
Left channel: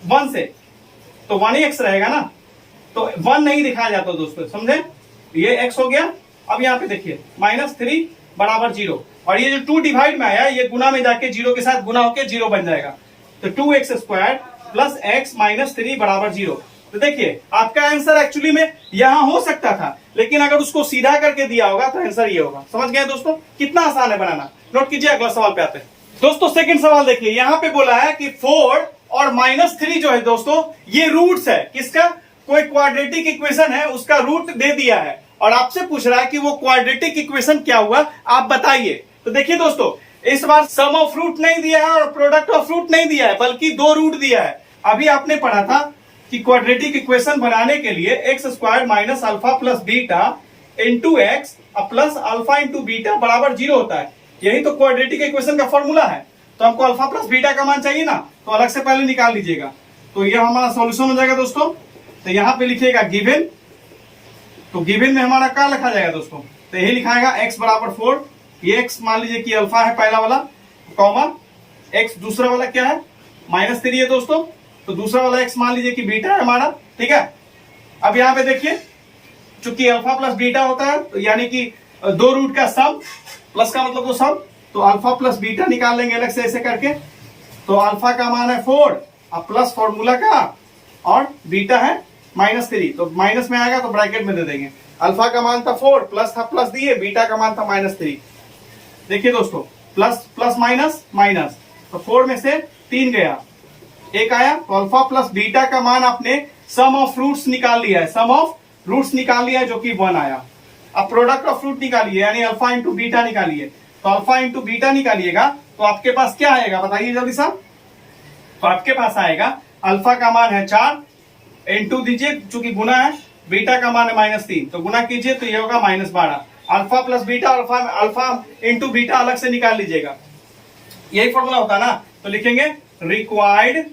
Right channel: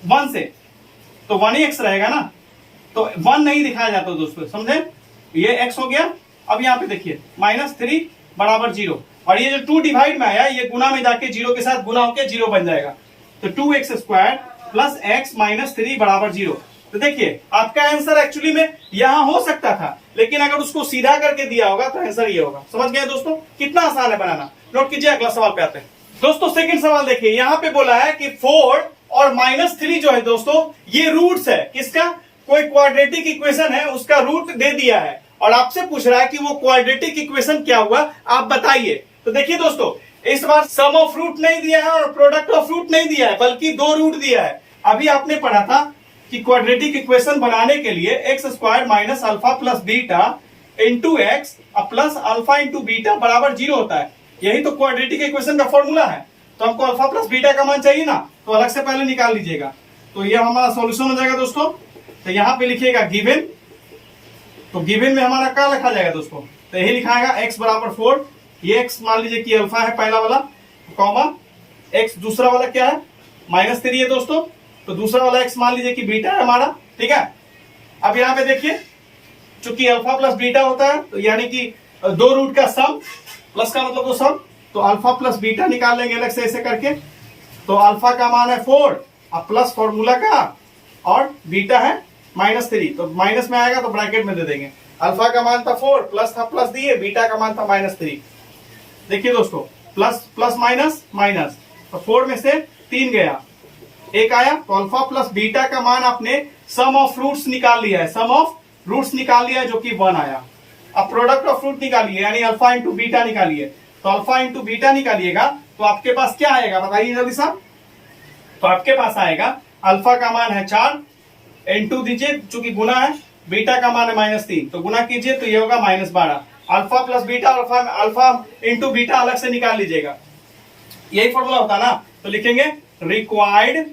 1 से तो 1x रहेगा ना, तो 1 नहीं दिखाया जाता दोस्तों, समझे। ये x हो गया। अब यहाँ पे देखिए -3 बराबर 0, और ये जो 2 डिवाइड में आया ये गुना में जाके 0 के साथ गुना होके 0 बन जाएगा, तो 2x स्क्वायर प्लस x -3 बराबर 0। तो देखिए आपका आंसर एक्चुअली में यहां हो सकता था, लेकिन अगर उसको सीधा करके दिया होगा तो आंसर ये होगा। समझ गए दोस्तों, कितना आसान है बनाना। नोट कीजिए, अगला सवाल पे आते हैं दोस्तों। सेकंड सवाल देखिए, यहां पे बोला है कि 4 और -3 जो है दोस्तों ये रूट्स है किसका, कोई क्वाड्रेटिक इक्वेशन है उसका रूट दे दिया है, और आपसे पूछ रहा है कि वो क्वाड्रेटिक इक्वेशन क्या हुआ आप बताइए। तो देखिए दोस्तों, इस बार सम ऑफ रूट नहीं दिया है और प्रोडक्ट ऑफ रूट नहीं दिया है, बल्कि 2 रूट दिया है। अभी आपने पढ़ा था कि क्वाड्रेटिक इक्वेशन बनाने के लिए x square minus alpha plus beta into x plus alpha into beta बराबर 0 होता है। यही तो क्वाड्रेटिक इक्वेशन का फॉर्मूला है। तो हमको अल्फा प्लस बीटा का मान चाहिए ना, तो अलग से पहले निकाल लीजिएगा। तो ये हमारा सॉल्यूशन हो जाएगा दोस्तों। तो यहां पे लिखिएगा गिवन, तो गिवन में हमारा क्या लिखा जाएगा दोस्तों, तो यही लिखाएगा x बराबर 4, ये x मान लीजिए कि अल्फा है पहला वाला, कॉमा x दूसरा वाला क्या है -3 है दोस्तों, तो दूसरा वाला x मान लीजिए कि बीटा है हमारा, ठीक है। अब यहाँ पे देखिए चूंकि अल्फा प्लस बीटा होता है तो यानी कि 2 रूट का सम, प्लस का मतलब तो सम, तो अल्फा प्लस बीटा निकाल लेंगे अलग से ऐसे करके, तो अल्फा का मान है 4 अब प्लस फॉर्मूला का और बीटा है -3, तो माइनस में आएगा तो ब्रैकेट में दे देंगे। अल्फा का मान था 4 प्लस था प्लस दिए, बीटा का मान था -3। देखिए दोस्तों प्लस प्लस माइनस माइनस, तो 4 में से 3 गया, 1 आया, तो अल्फा प्लस बीटा का मान आपने सम ऑफ रूट्स निकाल लिया है, सम ऑफ रूट्स निकाल लिया है जो कि 1 आया। अब प्रोडक्ट ऑफ रूट निकालिए यानी अल्फा इंटू बीटा निकालिए, तो अल्फा इंटू बीटा निकालिएगा तो आपके पास क्या आएगा बताइए जल्दी साहब। तो आपके पास आएगा अल्फा का मान है 4 इंटू दीजिए चूंकि गुना है, बीटा का मान है -3 तो गुना कीजिए तो ये होगा -12। Alpha plus beta, alpha into beta अलग से निकाल लीजिएगा, यही फॉर्मूला होता है ना। तो लिखेंगे रिक्वायर्ड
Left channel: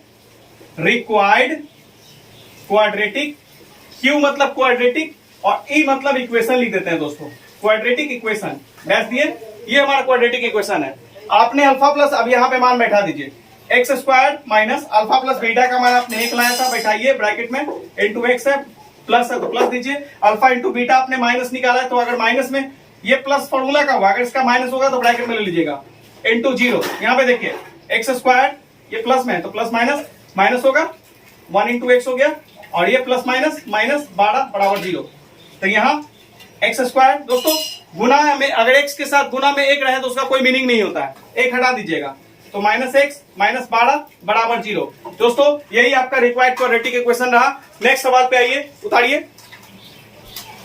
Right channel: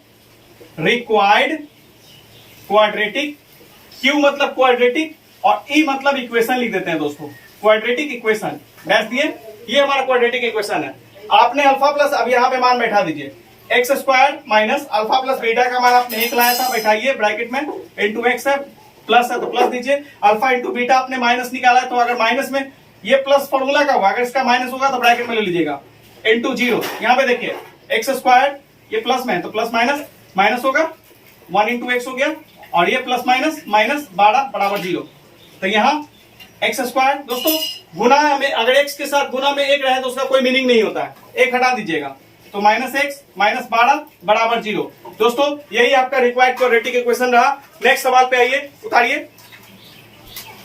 क्वाड्रेटिक, क्यू मतलब क्वाड्रेटिक और ई मतलब इक्वेशन लिख देते हैं दोस्तों, क्वाड्रेटिक इक्वेशन डैश दिए, ये हमारा क्वाड्रेटिक इक्वेशन है। आपने अल्फा प्लस अब यहाँ पे मान बैठा दीजिए, x square minus alpha plus beta का मान आपने 1 लाया था, बैठाइए ब्रैकेट में, इंटू एक्स है प्लस है तो प्लस दीजिए, अल्फा इंटू बीटा आपने माइनस निकाला है तो अगर माइनस में ये प्लस फॉर्मूला का होगा, अगर इसका माइनस होगा तो ब्रैकेट में ले लीजिएगा, इंटू 0। यहाँ पे देखिए एक्स स्क्वायर ये प्लस में है तो प्लस माइनस माइनस होगा, 1 इंटू एक्स हो गया, और ये प्लस माइनस माइनस 12 बराबर 0। तो यहाँ एक्स स्क्वायर दोस्तों गुना में, अगर एक्स के साथ गुना में 1 रहे तो उसका कोई मीनिंग नहीं होता है, 1 हटा दीजिएगा, तो -x -12 बराबर 0। दोस्तों यही आपका रिक्वायर्ड क्वाड्रेटिक इक्वेशन रहा। नेक्स्ट सवाल पे आइए, उतारिए।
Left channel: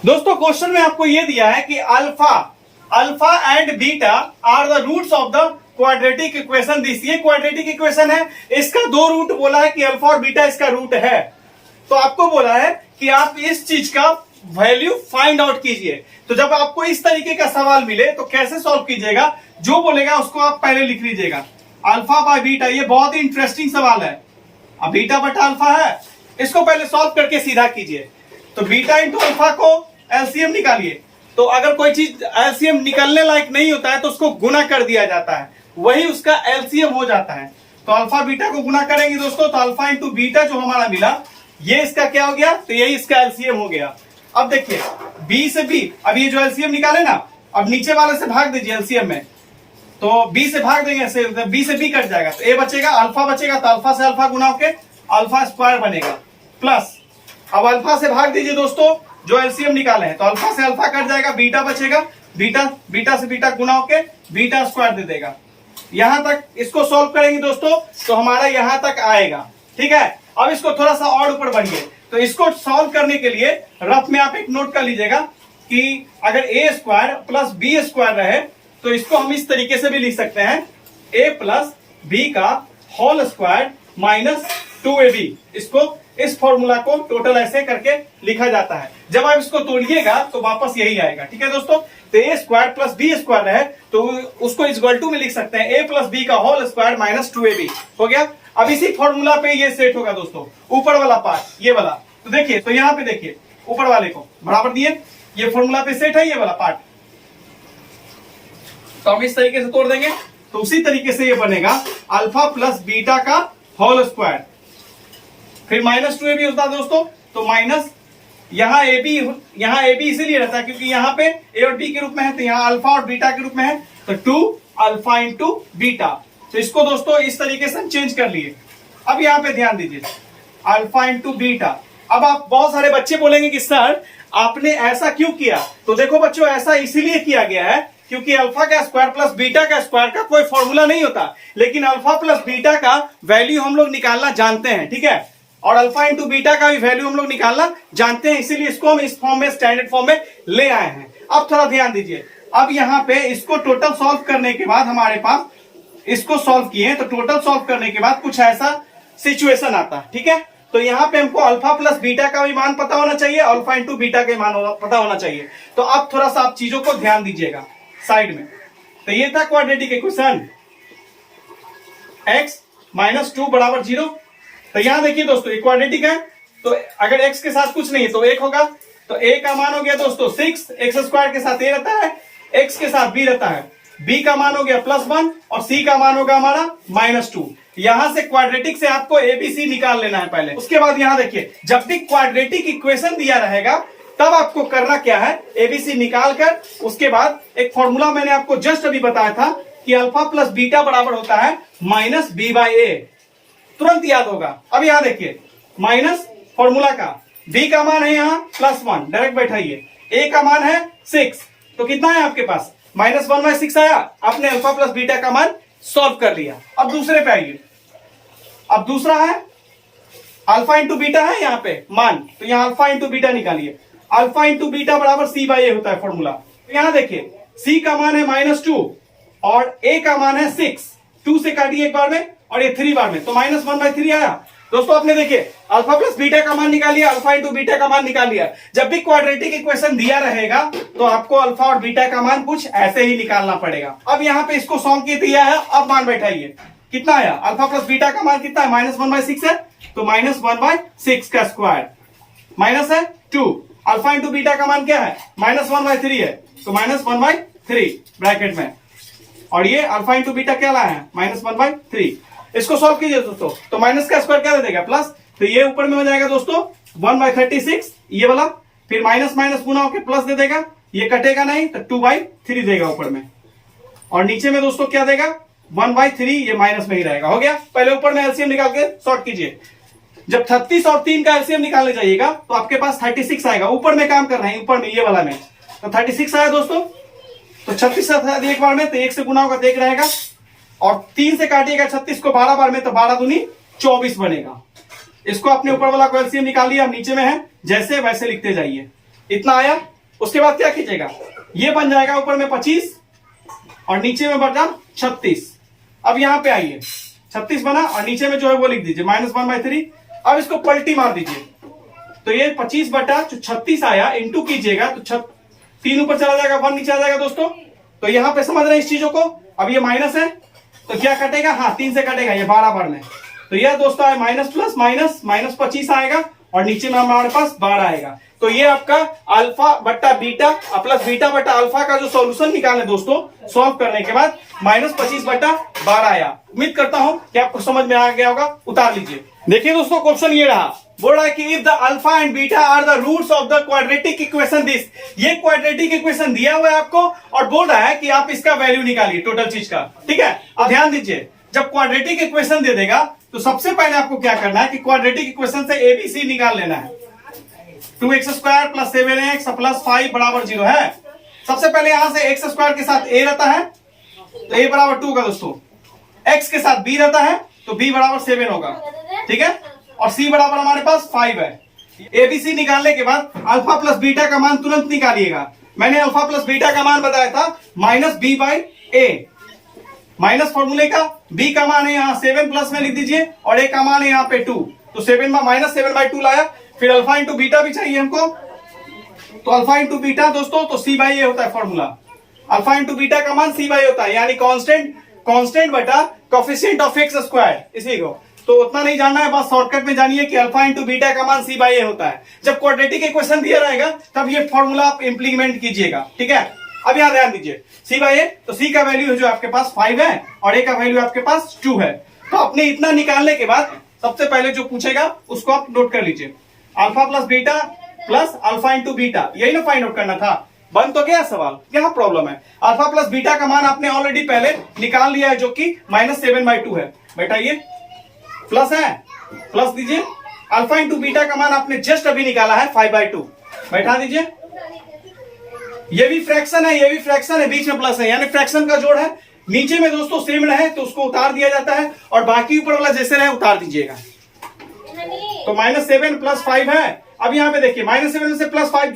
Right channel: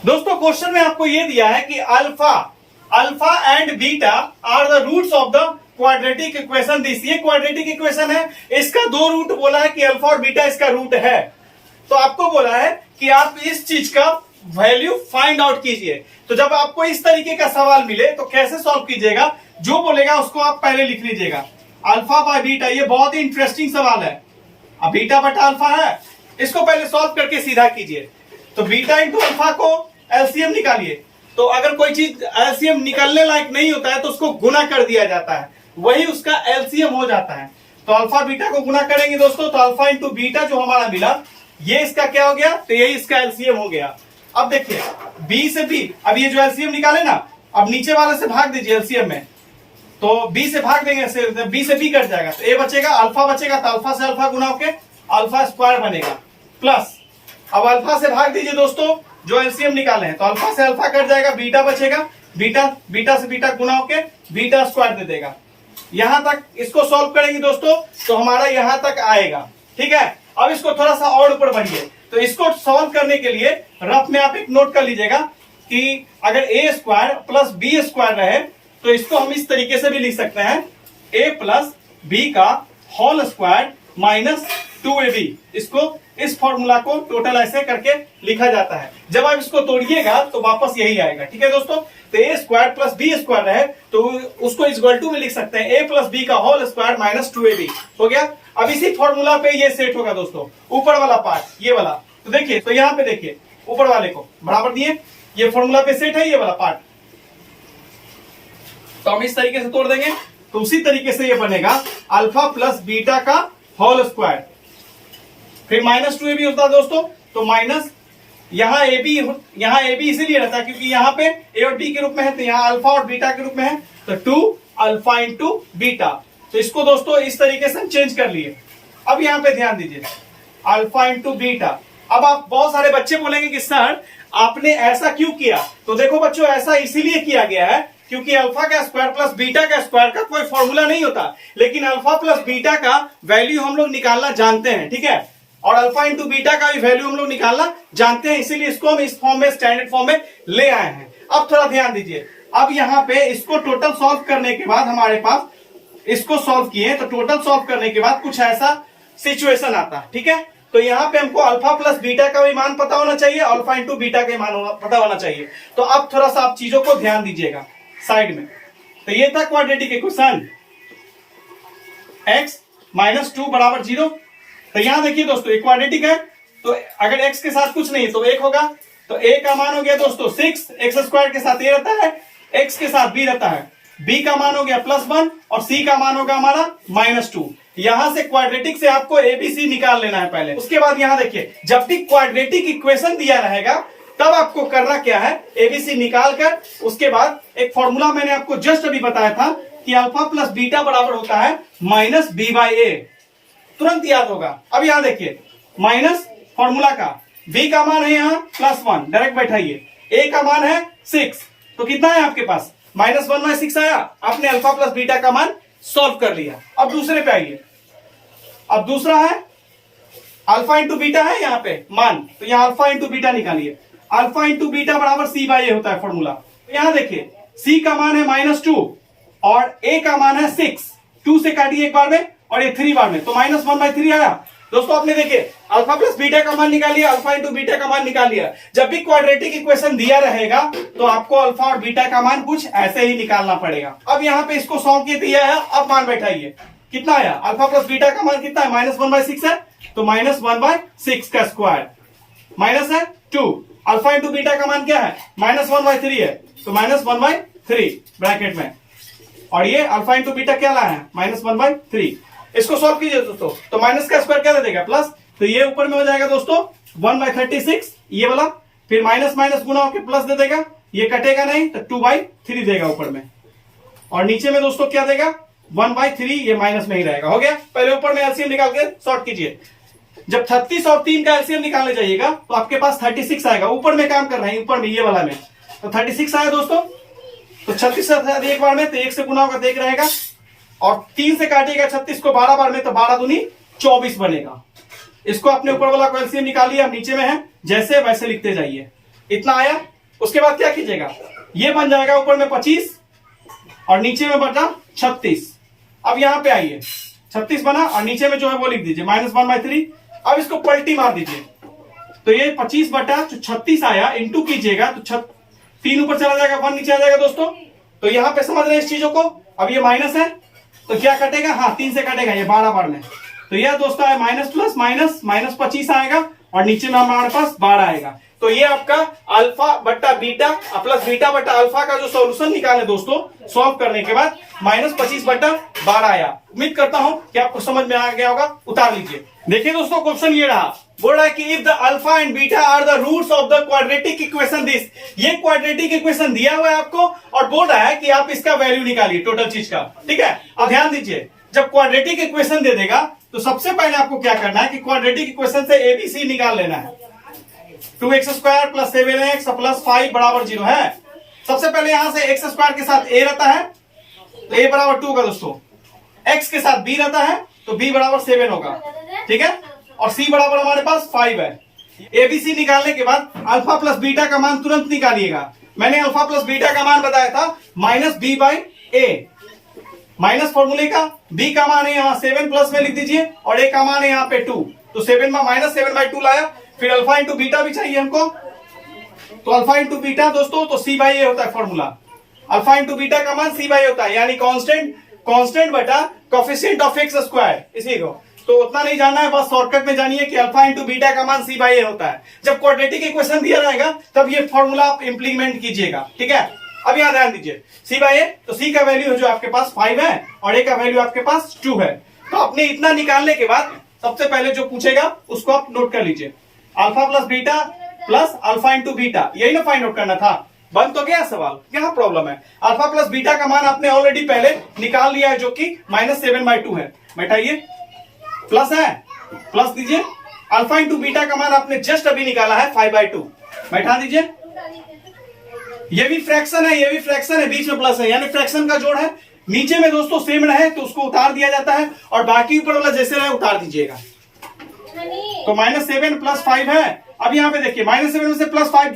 दोस्तों क्वेश्चन में आपको ये दिया है कि alpha and beta are the roots of the quadratic equation this, ये क्वाड्रेटिक इक्वेशन है, इसका 2 रूट बोला है कि अल्फा और बीटा इसका रूट है। तो आपको बोला है कि आप इस चीज का वैल्यू फाइंड आउट कीजिए। तो जब आपको इस तरीके का सवाल मिले तो कैसे सॉल्व कीजिएगा, जो बोलेगा उसको आप पहले लिख लीजिएगा, अल्फा बाय बीटा। ये बहुत ही इंटरेस्टिंग सवाल है, अब बीटा बटा अल्फा है, इसको पहले सॉल्व करके सीधा कीजिए। तो बीटा इंटू अल्फा को एलसीएम निकालिए, तो अगर कोई चीज एलसीएम निकलने लायक नहीं होता है तो उसको गुना कर दिया जाता है, वही उसका एलसीएम हो जाता है। तो अल्फा बीटा को गुना करेंगे दोस्तों, तो अल्फा इंटू बीटा जो हमारा मिला ये इसका क्या हो गया, तो यही इसका एलसीएम हो गया। अब देखिए बी से बी, अब ये जो एलसीएम निकाले ना, अब नीचे वाले से भाग दीजिए एलसीएम में, तो बी से भाग देंगे, बी से बी कट जाएगा, तो ए बचेगा, अल्फा बचेगा, तो अल्फा से अल्फा गुना होके अल्फा स्क्वायर बनेगा, प्लस अब अल्फा से भाग दीजिए दोस्तों जो एलसीएम निकाले हैं, तो अल्फा से अल्फा कट जाएगा, बीटा बचेगा, बीटा से बीटा गुना होके बीटा स्क्वायर दे देगा। यहां तक इसको सॉल्व करेंगे दोस्तों तो हमारा यहां तक आएगा, ठीक है। अब इसको थोड़ा सा और ऊपर बढ़िए, तो इसको सॉल्व करने के लिए रफ में आप एक नोट कर लीजिएगा कि अगर ए स्क्वायर प्लस बी स्क्वायर रहे तो इसको हम इस तरीके से भी लिख सकते हैं, ए प्लस बी का होल स्क्वायर माइनस 2ab। इसको इस फॉर्मूला को टोटल ऐसे करके लिखा जाता है। जब आप इसको तोड़िएगा तो वापस यही आएगा, ठीक है दोस्तों। तो ए स्क्वायर प्लस बी स्क्वायर रहे तो उसको इक्वल टू में लिख सकते हैं, ए प्लस बी का होल स्क्वायर माइनस 2ab हो गया। अब इसी फॉर्मूला पे ये सेट होगा दोस्तों, ऊपर वाला पार्ट ये वाला, तो देखिए, तो यहाँ पे देखिए ऊपर वाले को बराबर दिए, ये फॉर्मूला पे सेट है ये वाला पार्ट, तो हम इस तरीके से तोड़ देंगे, तो उसी तरीके से ये बनेगा अल्फा प्लस बीटा का होल स्क्वायर, फिर माइनस 2ab होता है दोस्तों, तो माइनस यहाँ ए बी इसीलिए रहता है क्योंकि यहाँ पे ए और बी के रूप में है, तो यहाँ अल्फा और बीटा के रूप में है, तो 2 अल्फा इंटू बीटा। तो इसको दोस्तों इस तरीके से हम चेंज कर लिए। अब यहाँ पे ध्यान दीजिए, अल्फा इंटू बीटा। अब आप बहुत सारे बच्चे बोलेंगे कि सर आपने ऐसा क्यों किया, तो देखो बच्चों ऐसा इसीलिए किया गया है क्योंकि अल्फा का स्क्वायर प्लस बीटा का स्क्वायर का कोई फॉर्मूला नहीं होता, लेकिन अल्फा प्लस बीटा का वैल्यू हम लोग निकालना जानते हैं, ठीक है, और अल्फा इंटू बीटा का भी वैल्यू हम लोग निकालना जानते हैं, इसीलिए इसको हम इस फॉर्म में, स्टैंडर्ड फॉर्म में ले आए हैं। अब थोड़ा ध्यान दीजिए, अब यहाँ पे इसको टोटल सॉल्व करने के बाद हमारे पास, इसको सॉल्व किए तो टोटल सॉल्व करने के बाद कुछ ऐसा सिचुएशन आता है, ठीक है। तो यहाँ पे हमको अल्फा प्लस बीटा का भी मान पता होना चाहिए, अल्फा इंटू बीटा का मान पता होना चाहिए। तो अब थोड़ा सा आप चीजों को ध्यान दीजिएगा साइड में। तो ये था क्वाड्रेटिक इक्वेशन, x माइनस 2 बराबर 0। तो यहां देखिए दोस्तों क्वाड्रेटिक है, तो अगर x के साथ कुछ नहीं तो 1 होगा, तो a का मान हो गया दोस्तों 6, एक्स स्क्वायर के साथ a रहता है, x के साथ b रहता है, b का मान हो गया +1 और c का मान होगा हमारा -2। यहां से क्वाड्रेटिक से आपको एबीसी निकाल लेना है पहले। उसके बाद यहां देखिए, जब भी क्वाड्रेटिक इक्वेशन दिया रहेगा तब आपको करना क्या है, एबीसी निकाल कर उसके बाद एक फॉर्मूला मैंने आपको जस्ट अभी बताया था कि अल्फा प्लस बीटा बराबर होता है माइनस बी बाई ए, तुरंत याद होगा। अब यहां देखिए माइनस फॉर्मूला का, बी का मान है यहाँ +1, डायरेक्ट बैठाइए, ए का मान है 6, तो कितना है आपके पास -1/6 आया। आपने अल्फा प्लस बीटा का मान सॉल्व कर लिया। अब दूसरे पे आइए, अब दूसरा है अल्फा इंटू बीटा है यहाँ पे मान, तो यहाँ अल्फा इंटू बीटा निकालिए, अल्फा इंटू बीटा बराबर सी बाई ए होता है फॉर्मूला। तो यहाँ देखिए सी का मान है -2 और ए का मान है 6, 2 से काटिए एक बार में और ये 3 बार में, तो -1/3 आया। दोस्तों आपने देखिए अल्फा प्लस बीटा का मान निकाल लिया, अल्फा इंटू बीटा का मान निकाल लिया। जब भी क्वाड्रेटिक इक्वेशन दिया रहेगा तो आपको अल्फा और बीटा का मान कुछ ऐसे ही निकालना पड़ेगा। अब यहाँ पे इसको सॉल्व किए दिया है, अब मान बैठाइए, कितना आया, अल्फा प्लस बीटा का मान कितना है -1/6 है, तो -1/6 का स्क्वायर माइनस है 2, अल्फा इंटू बीटा का मान क्या है -1/3 है, तो -1/3 ब्रैकेट में, और ये अल्फा इंटू बीटा क्या लाया है -1/3। इसको सॉल्व कीजिए दोस्तों, तो माइनस का स्क्वायर क्या दे देगा प्लस, तो ये ऊपर में हो जाएगा दोस्तों 1/36 ये वाला, फिर माइनस माइनस गुना होकर प्लस दे देगा, ये कटेगा नहीं तो 2/3 देगा ऊपर में, और नीचे में दोस्तों क्या देगा 1/3, ये माइनस में ही रहेगा। हो गया। पहले ऊपर में एलसीएम निकाल के सॉर्ट कीजिए। जब 36 और 3 का एलसीएम निकालने जाइएगा तो आपके पास 36 आएगा, ऊपर में काम कर रहे हैं, ऊपर में ये वाला में, तो 36 आया दोस्तों, तो 36 एक बार में तो 1 से गुना होगा तो 1 रहेगा, और 3 से काटिएगा 36 को 12 बार में, तो 12 दूनी 24 बनेगा। इसको अपने ऊपर वाला को एलसीएम निकालिए, अब नीचे में है जैसे वैसे लिखते जाइए, इतना आया। उसके बाद क्या कीजिएगा, ये बन जाएगा ऊपर में 25 और नीचे में बचा 36। अब यहां पे आइए, 36 बना और नीचे में जो है वो लिख दीजिए -1/3। अब इसको पलटी मार दीजिए, तो ये 25 बटा जो 36 आया इंटू कीजिएगा तो 3 ऊपर चला जाएगा, 1 नीचे आ जाएगा दोस्तों। तो यहां पे समझ रहे हैं इस चीजों को। अब ये माइनस है तो क्या कटेगा, हाँ 3 से कटेगा, ये 12 बार में, तो यह दोस्तों है माइनस प्लस माइनस -25 आएगा और नीचे में हमारे पास 12 आएगा। तो ये आपका अल्फा बट्टा बीटा प्लस बीटा बट्टा अल्फा का जो सॉल्यूशन निकाले दोस्तों, सॉल्व करने के बाद -25/12 आया। उम्मीद करता हूं कि आपको समझ में आ गया होगा। उतार लीजिए। देखिए दोस्तों क्वेश्चन ये रहा, बोल रहा है कि if the alpha and beta are the roots of the quadratic equation this, ये क्वाड्रेटिक इक्वेशन दिया हुआ है आपको और बोल रहा है कि आप इसका वैल्यू निकालिए टोटल चीज का। ठीक है, अब ध्यान दीजिए, जब क्वाड्रेटिक इक्वेशन दे देगा तो सबसे पहले आपको क्या करना है कि क्वाड्रेटिक इक्वेशन से एबीसी निकाल लेना है। 2x² + 7x + 5 = 0 है। सबसे पहले यहां से x² के साथ a रहता है तो a = 2 होगा दोस्तों, x के साथ b रहता है तो b = 7 होगा। ठीक है, और c बराबर हमारे पास 5 है। एबीसी निकालने के बाद अल्फा प्लस बीटा का मान तुरंत निकालिएगा। मैंने अल्फा प्लस बीटा का मान बताया था -b/a, माइनस फॉर्मूले का b का मान है यहाँ 7 प्लस में लिख दीजिए और a का मान है यहाँ पे 2, तो 7 में -7/2 लाया। फिर अल्फा इंटू बीटा भी चाहिए हमको, तो अल्फा इंटू बीटा दोस्तों तो c/a होता है फॉर्मूला। अल्फा इंटू बीटा का मान c/a होता है, यानी कांस्टेंट बटा कोएफिशिएंट ऑफ x², इसी को तो उतना नहीं जानना है, बस शॉर्टकट में जानिए कि अल्फा इंटू बीटा का मान c/a होता है। जब क्वाड्रेटिक इक्वेशन दिया रहेगा तब ये फॉर्मूला आप इंप्लीमेंट कीजिएगा। ठीक है, अब यहां ध्यान दीजिए, c/a तो c का वैल्यू जो आपके पास 5 है और a का वैल्यू आपके पास 2 है। तो अपने इतना निकालने के बाद सबसे पहले जो पूछेगा उसको आप नोट कर लीजिए, alpha plus beta plus alpha into beta, यही ना फाइंड आउट करना था। बन तो गया सवाल, क्या प्रॉब्लम है। अल्फा प्लस बीटा का मान आपने ऑलरेडी पहले निकाल लिया है जो कि -7/2 है। बैठाइए, प्लस है प्लस दीजिए, अल्फा इंटू बीटा का मान आपने जस्ट अभी निकाला है 5/2, बैठा दीजिए। ये भी फ्रैक्शन है, ये भी फ्रैक्शन है, बीच में प्लस है यानी फ्रैक्शन का जोड़ है। नीचे में दोस्तों सेम है तो उसको उतार दिया जाता है और बाकी ऊपर वाला जैसे रहे उतार दीजिएगा। तो -7 + 5 है। अब यहाँ पे देखिए -7 में से +5,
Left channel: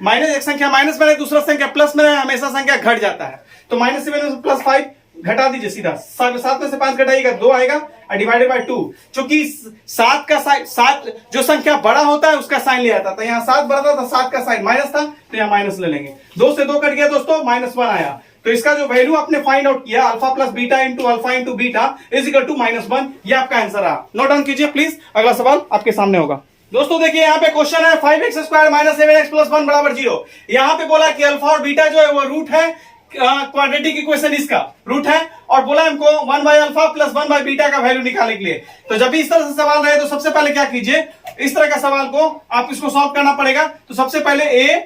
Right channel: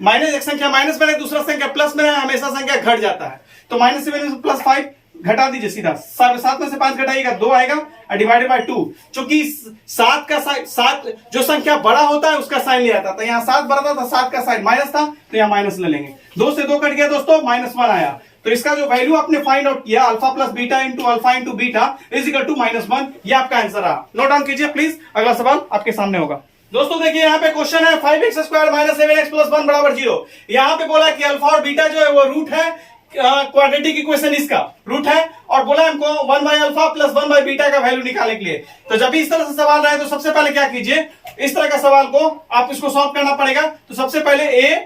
माइनस एक संख्या माइनस में दूसरा संख्या प्लस में हमेशा संख्या घट जाता है, तो -7 में से +5 घटा दीजिए सीधा, 7 में से 5 घटाइएगा 2 आएगा और डिवाइडेड बाय 2। चूंकि 7 का साइन, 7 जो संख्या बड़ा होता है उसका साइन लिया जाता है, यहाँ 7 बड़ा था 7 का साइन माइनस था तो यहाँ माइनस ले लेंगे। 2 से 2 कट गया दोस्तों, -1 आया। तो इसका जो वैल्यू आपने फाइंड आउट किया alpha plus beta into alpha into beta = -1, ये आपका आंसर रहा। नोट डाउन कीजिए प्लीज, अगला सवाल आपके सामने होगा। दोस्तों देखिए यहाँ पे क्वेश्चन है 5x² - 7x + 1 = 0। यहाँ पे बोला कि अल्फा और बीटा जो है वो रूट है, क्वाड्रेटिक इक्वेशन इसका रूट है, और बोला हमको 1/अल्फा + 1/बीटा का वैल्यू निकालने के लिए। तो जब भी इस तरह से सवाल रहे तो सबसे पहले क्या कीजिए, इस तरह का सवाल को आप इसको सॉल्व करना पड़ेगा। तो सबसे पहले a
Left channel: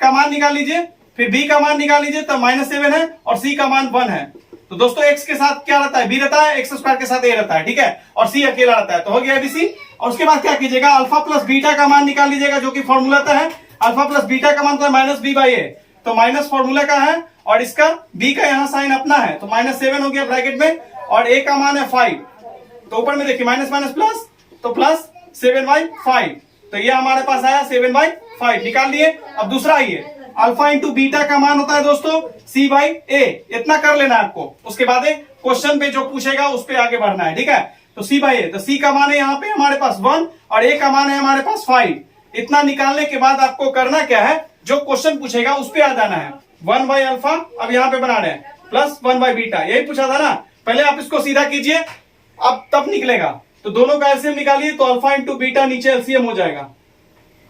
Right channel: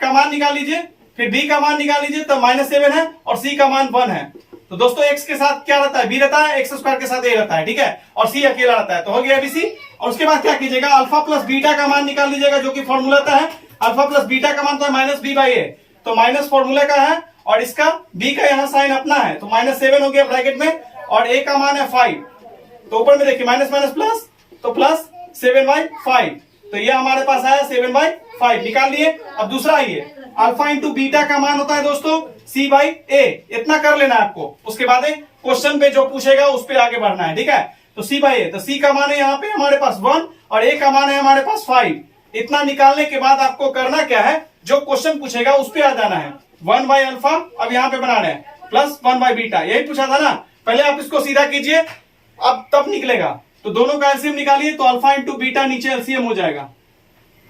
का मान निकाल लीजिए, फिर b का मान निकाल लीजिए, तब -7 है और c का मान 1 है। तो दोस्तों x के साथ क्या रहता है, b रहता है, x स्क्वायर के साथ a रहता है, ठीक है, और c अकेला रहता है, तो हो गया abc। और उसके बाद क्या कीजिएगा, अल्फा प्लस बीटा का मान निकाल लीजिएगा, जो कि फॉर्मूला था है, अल्फा प्लस बीटा का मान था माइनस b बाई a, तो माइनस फॉर्मूला का है, और इसका b का यहाँ साइन अपना है, तो -7 हो गया ब्रैकेट में, और a का मान है 5, तो ऊपर में देखिए माइनस माइनस प्लस, तो प्लस 7/5, तो ये हमारे पास आया 7/5 निकाल लिए। अब दूसरा आइए, अल्फा इंटू बीटा का मान होता है दोस्तों c/a, इतना कर लेना है आपको, उसके बाद क्वेश्चन पे जो पूछेगा उस पे आगे बढ़ना है, ठीक है। तो c/a, तो c का मान है यहाँ पे हमारे पास 1 और a का मान है हमारे पास 5। इतना निकालने के बाद आपको करना क्या है, जो क्वेश्चन पूछेगा उस पे आ जाना है, 1/अल्फा अब यहाँ पे बना रहे हैं, प्लस 1/बीटा, यही पूछा था ना। पहले आप इसको सीधा कीजिए, अब तब निकलेगा, तो दोनों का एलसीएम निकालिए, तो अल्फा इंटू बीटा नीचे एलसीएम हो जाएगा,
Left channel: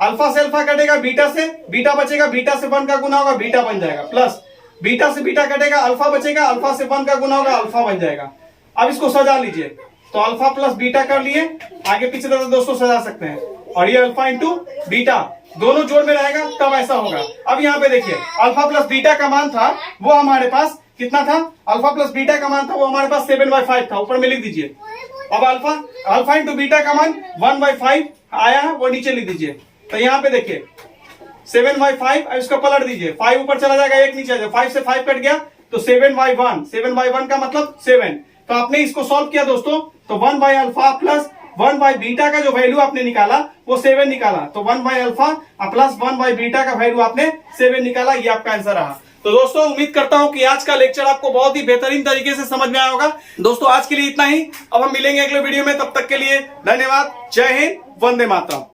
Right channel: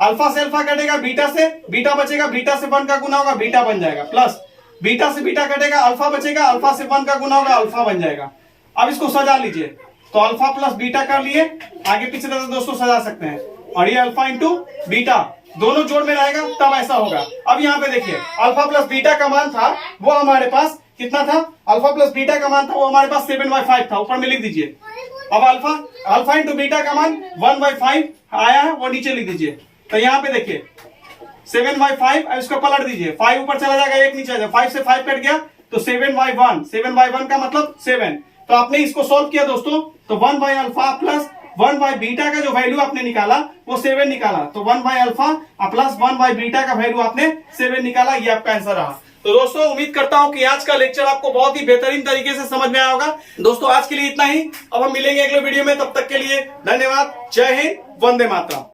अल्फा से अल्फा कटेगा, बीटा से बीटा बचेगा, बीटा से 1 का गुना होगा, बीटा बन जाएगा, प्लस बीटा से बीटा कटेगा, अल्फा बचेगा, अल्फा से 1 का गुना होगा, अल्फा बन जाएगा। अब इसको सजा लीजिए, तो अल्फा प्लस बीटा कर लिए, आगे पीछे तरह दोस्तों सजा सकते हैं, और ये अल्फा इंटू बीटा दोनों जोड़ में रहेगा, तब ऐसा होगा। अब यहाँ पे देखिए, अल्फा प्लस बीटा का मान था वो हमारे पास कितना था, अल्फा प्लस बीटा का मान था वो हमारे पास 7/5 था, ऊपर में लिख दीजिए। अब अल्फा इंटू बीटा का मान 1/5 आया है, वो नीचे लिख दीजिए। तो यहाँ पे देखिए 7/5, अब इसको पलट दीजिए, 5 ऊपर चला जाएगा, 1 नीचे आ जाएगा, 5 से 5 कट गया, तो 7/1, 7/1 का मतलब 7। तो आपने इसको सॉल्व किया दोस्तों, तो 1/अल्फा प्लस 1/बीटा का जो वैल्यू आपने निकाला वो 7 निकाला, तो 1/अल्फा प्लस 1/बीटा का वैल्यू आपने 7 निकाला, ये आपका आंसर रहा। तो दोस्तों उम्मीद करता हूं कि आज का लेक्चर आपको बहुत ही बेहतरीन तरीके से समझ में आया होगा। दोस्तों आज के लिए इतना ही, अब हम मिलेंगे अगले वीडियो में, तब तक के लिए धन्यवाद, जय हिंद, वंदे मातरम।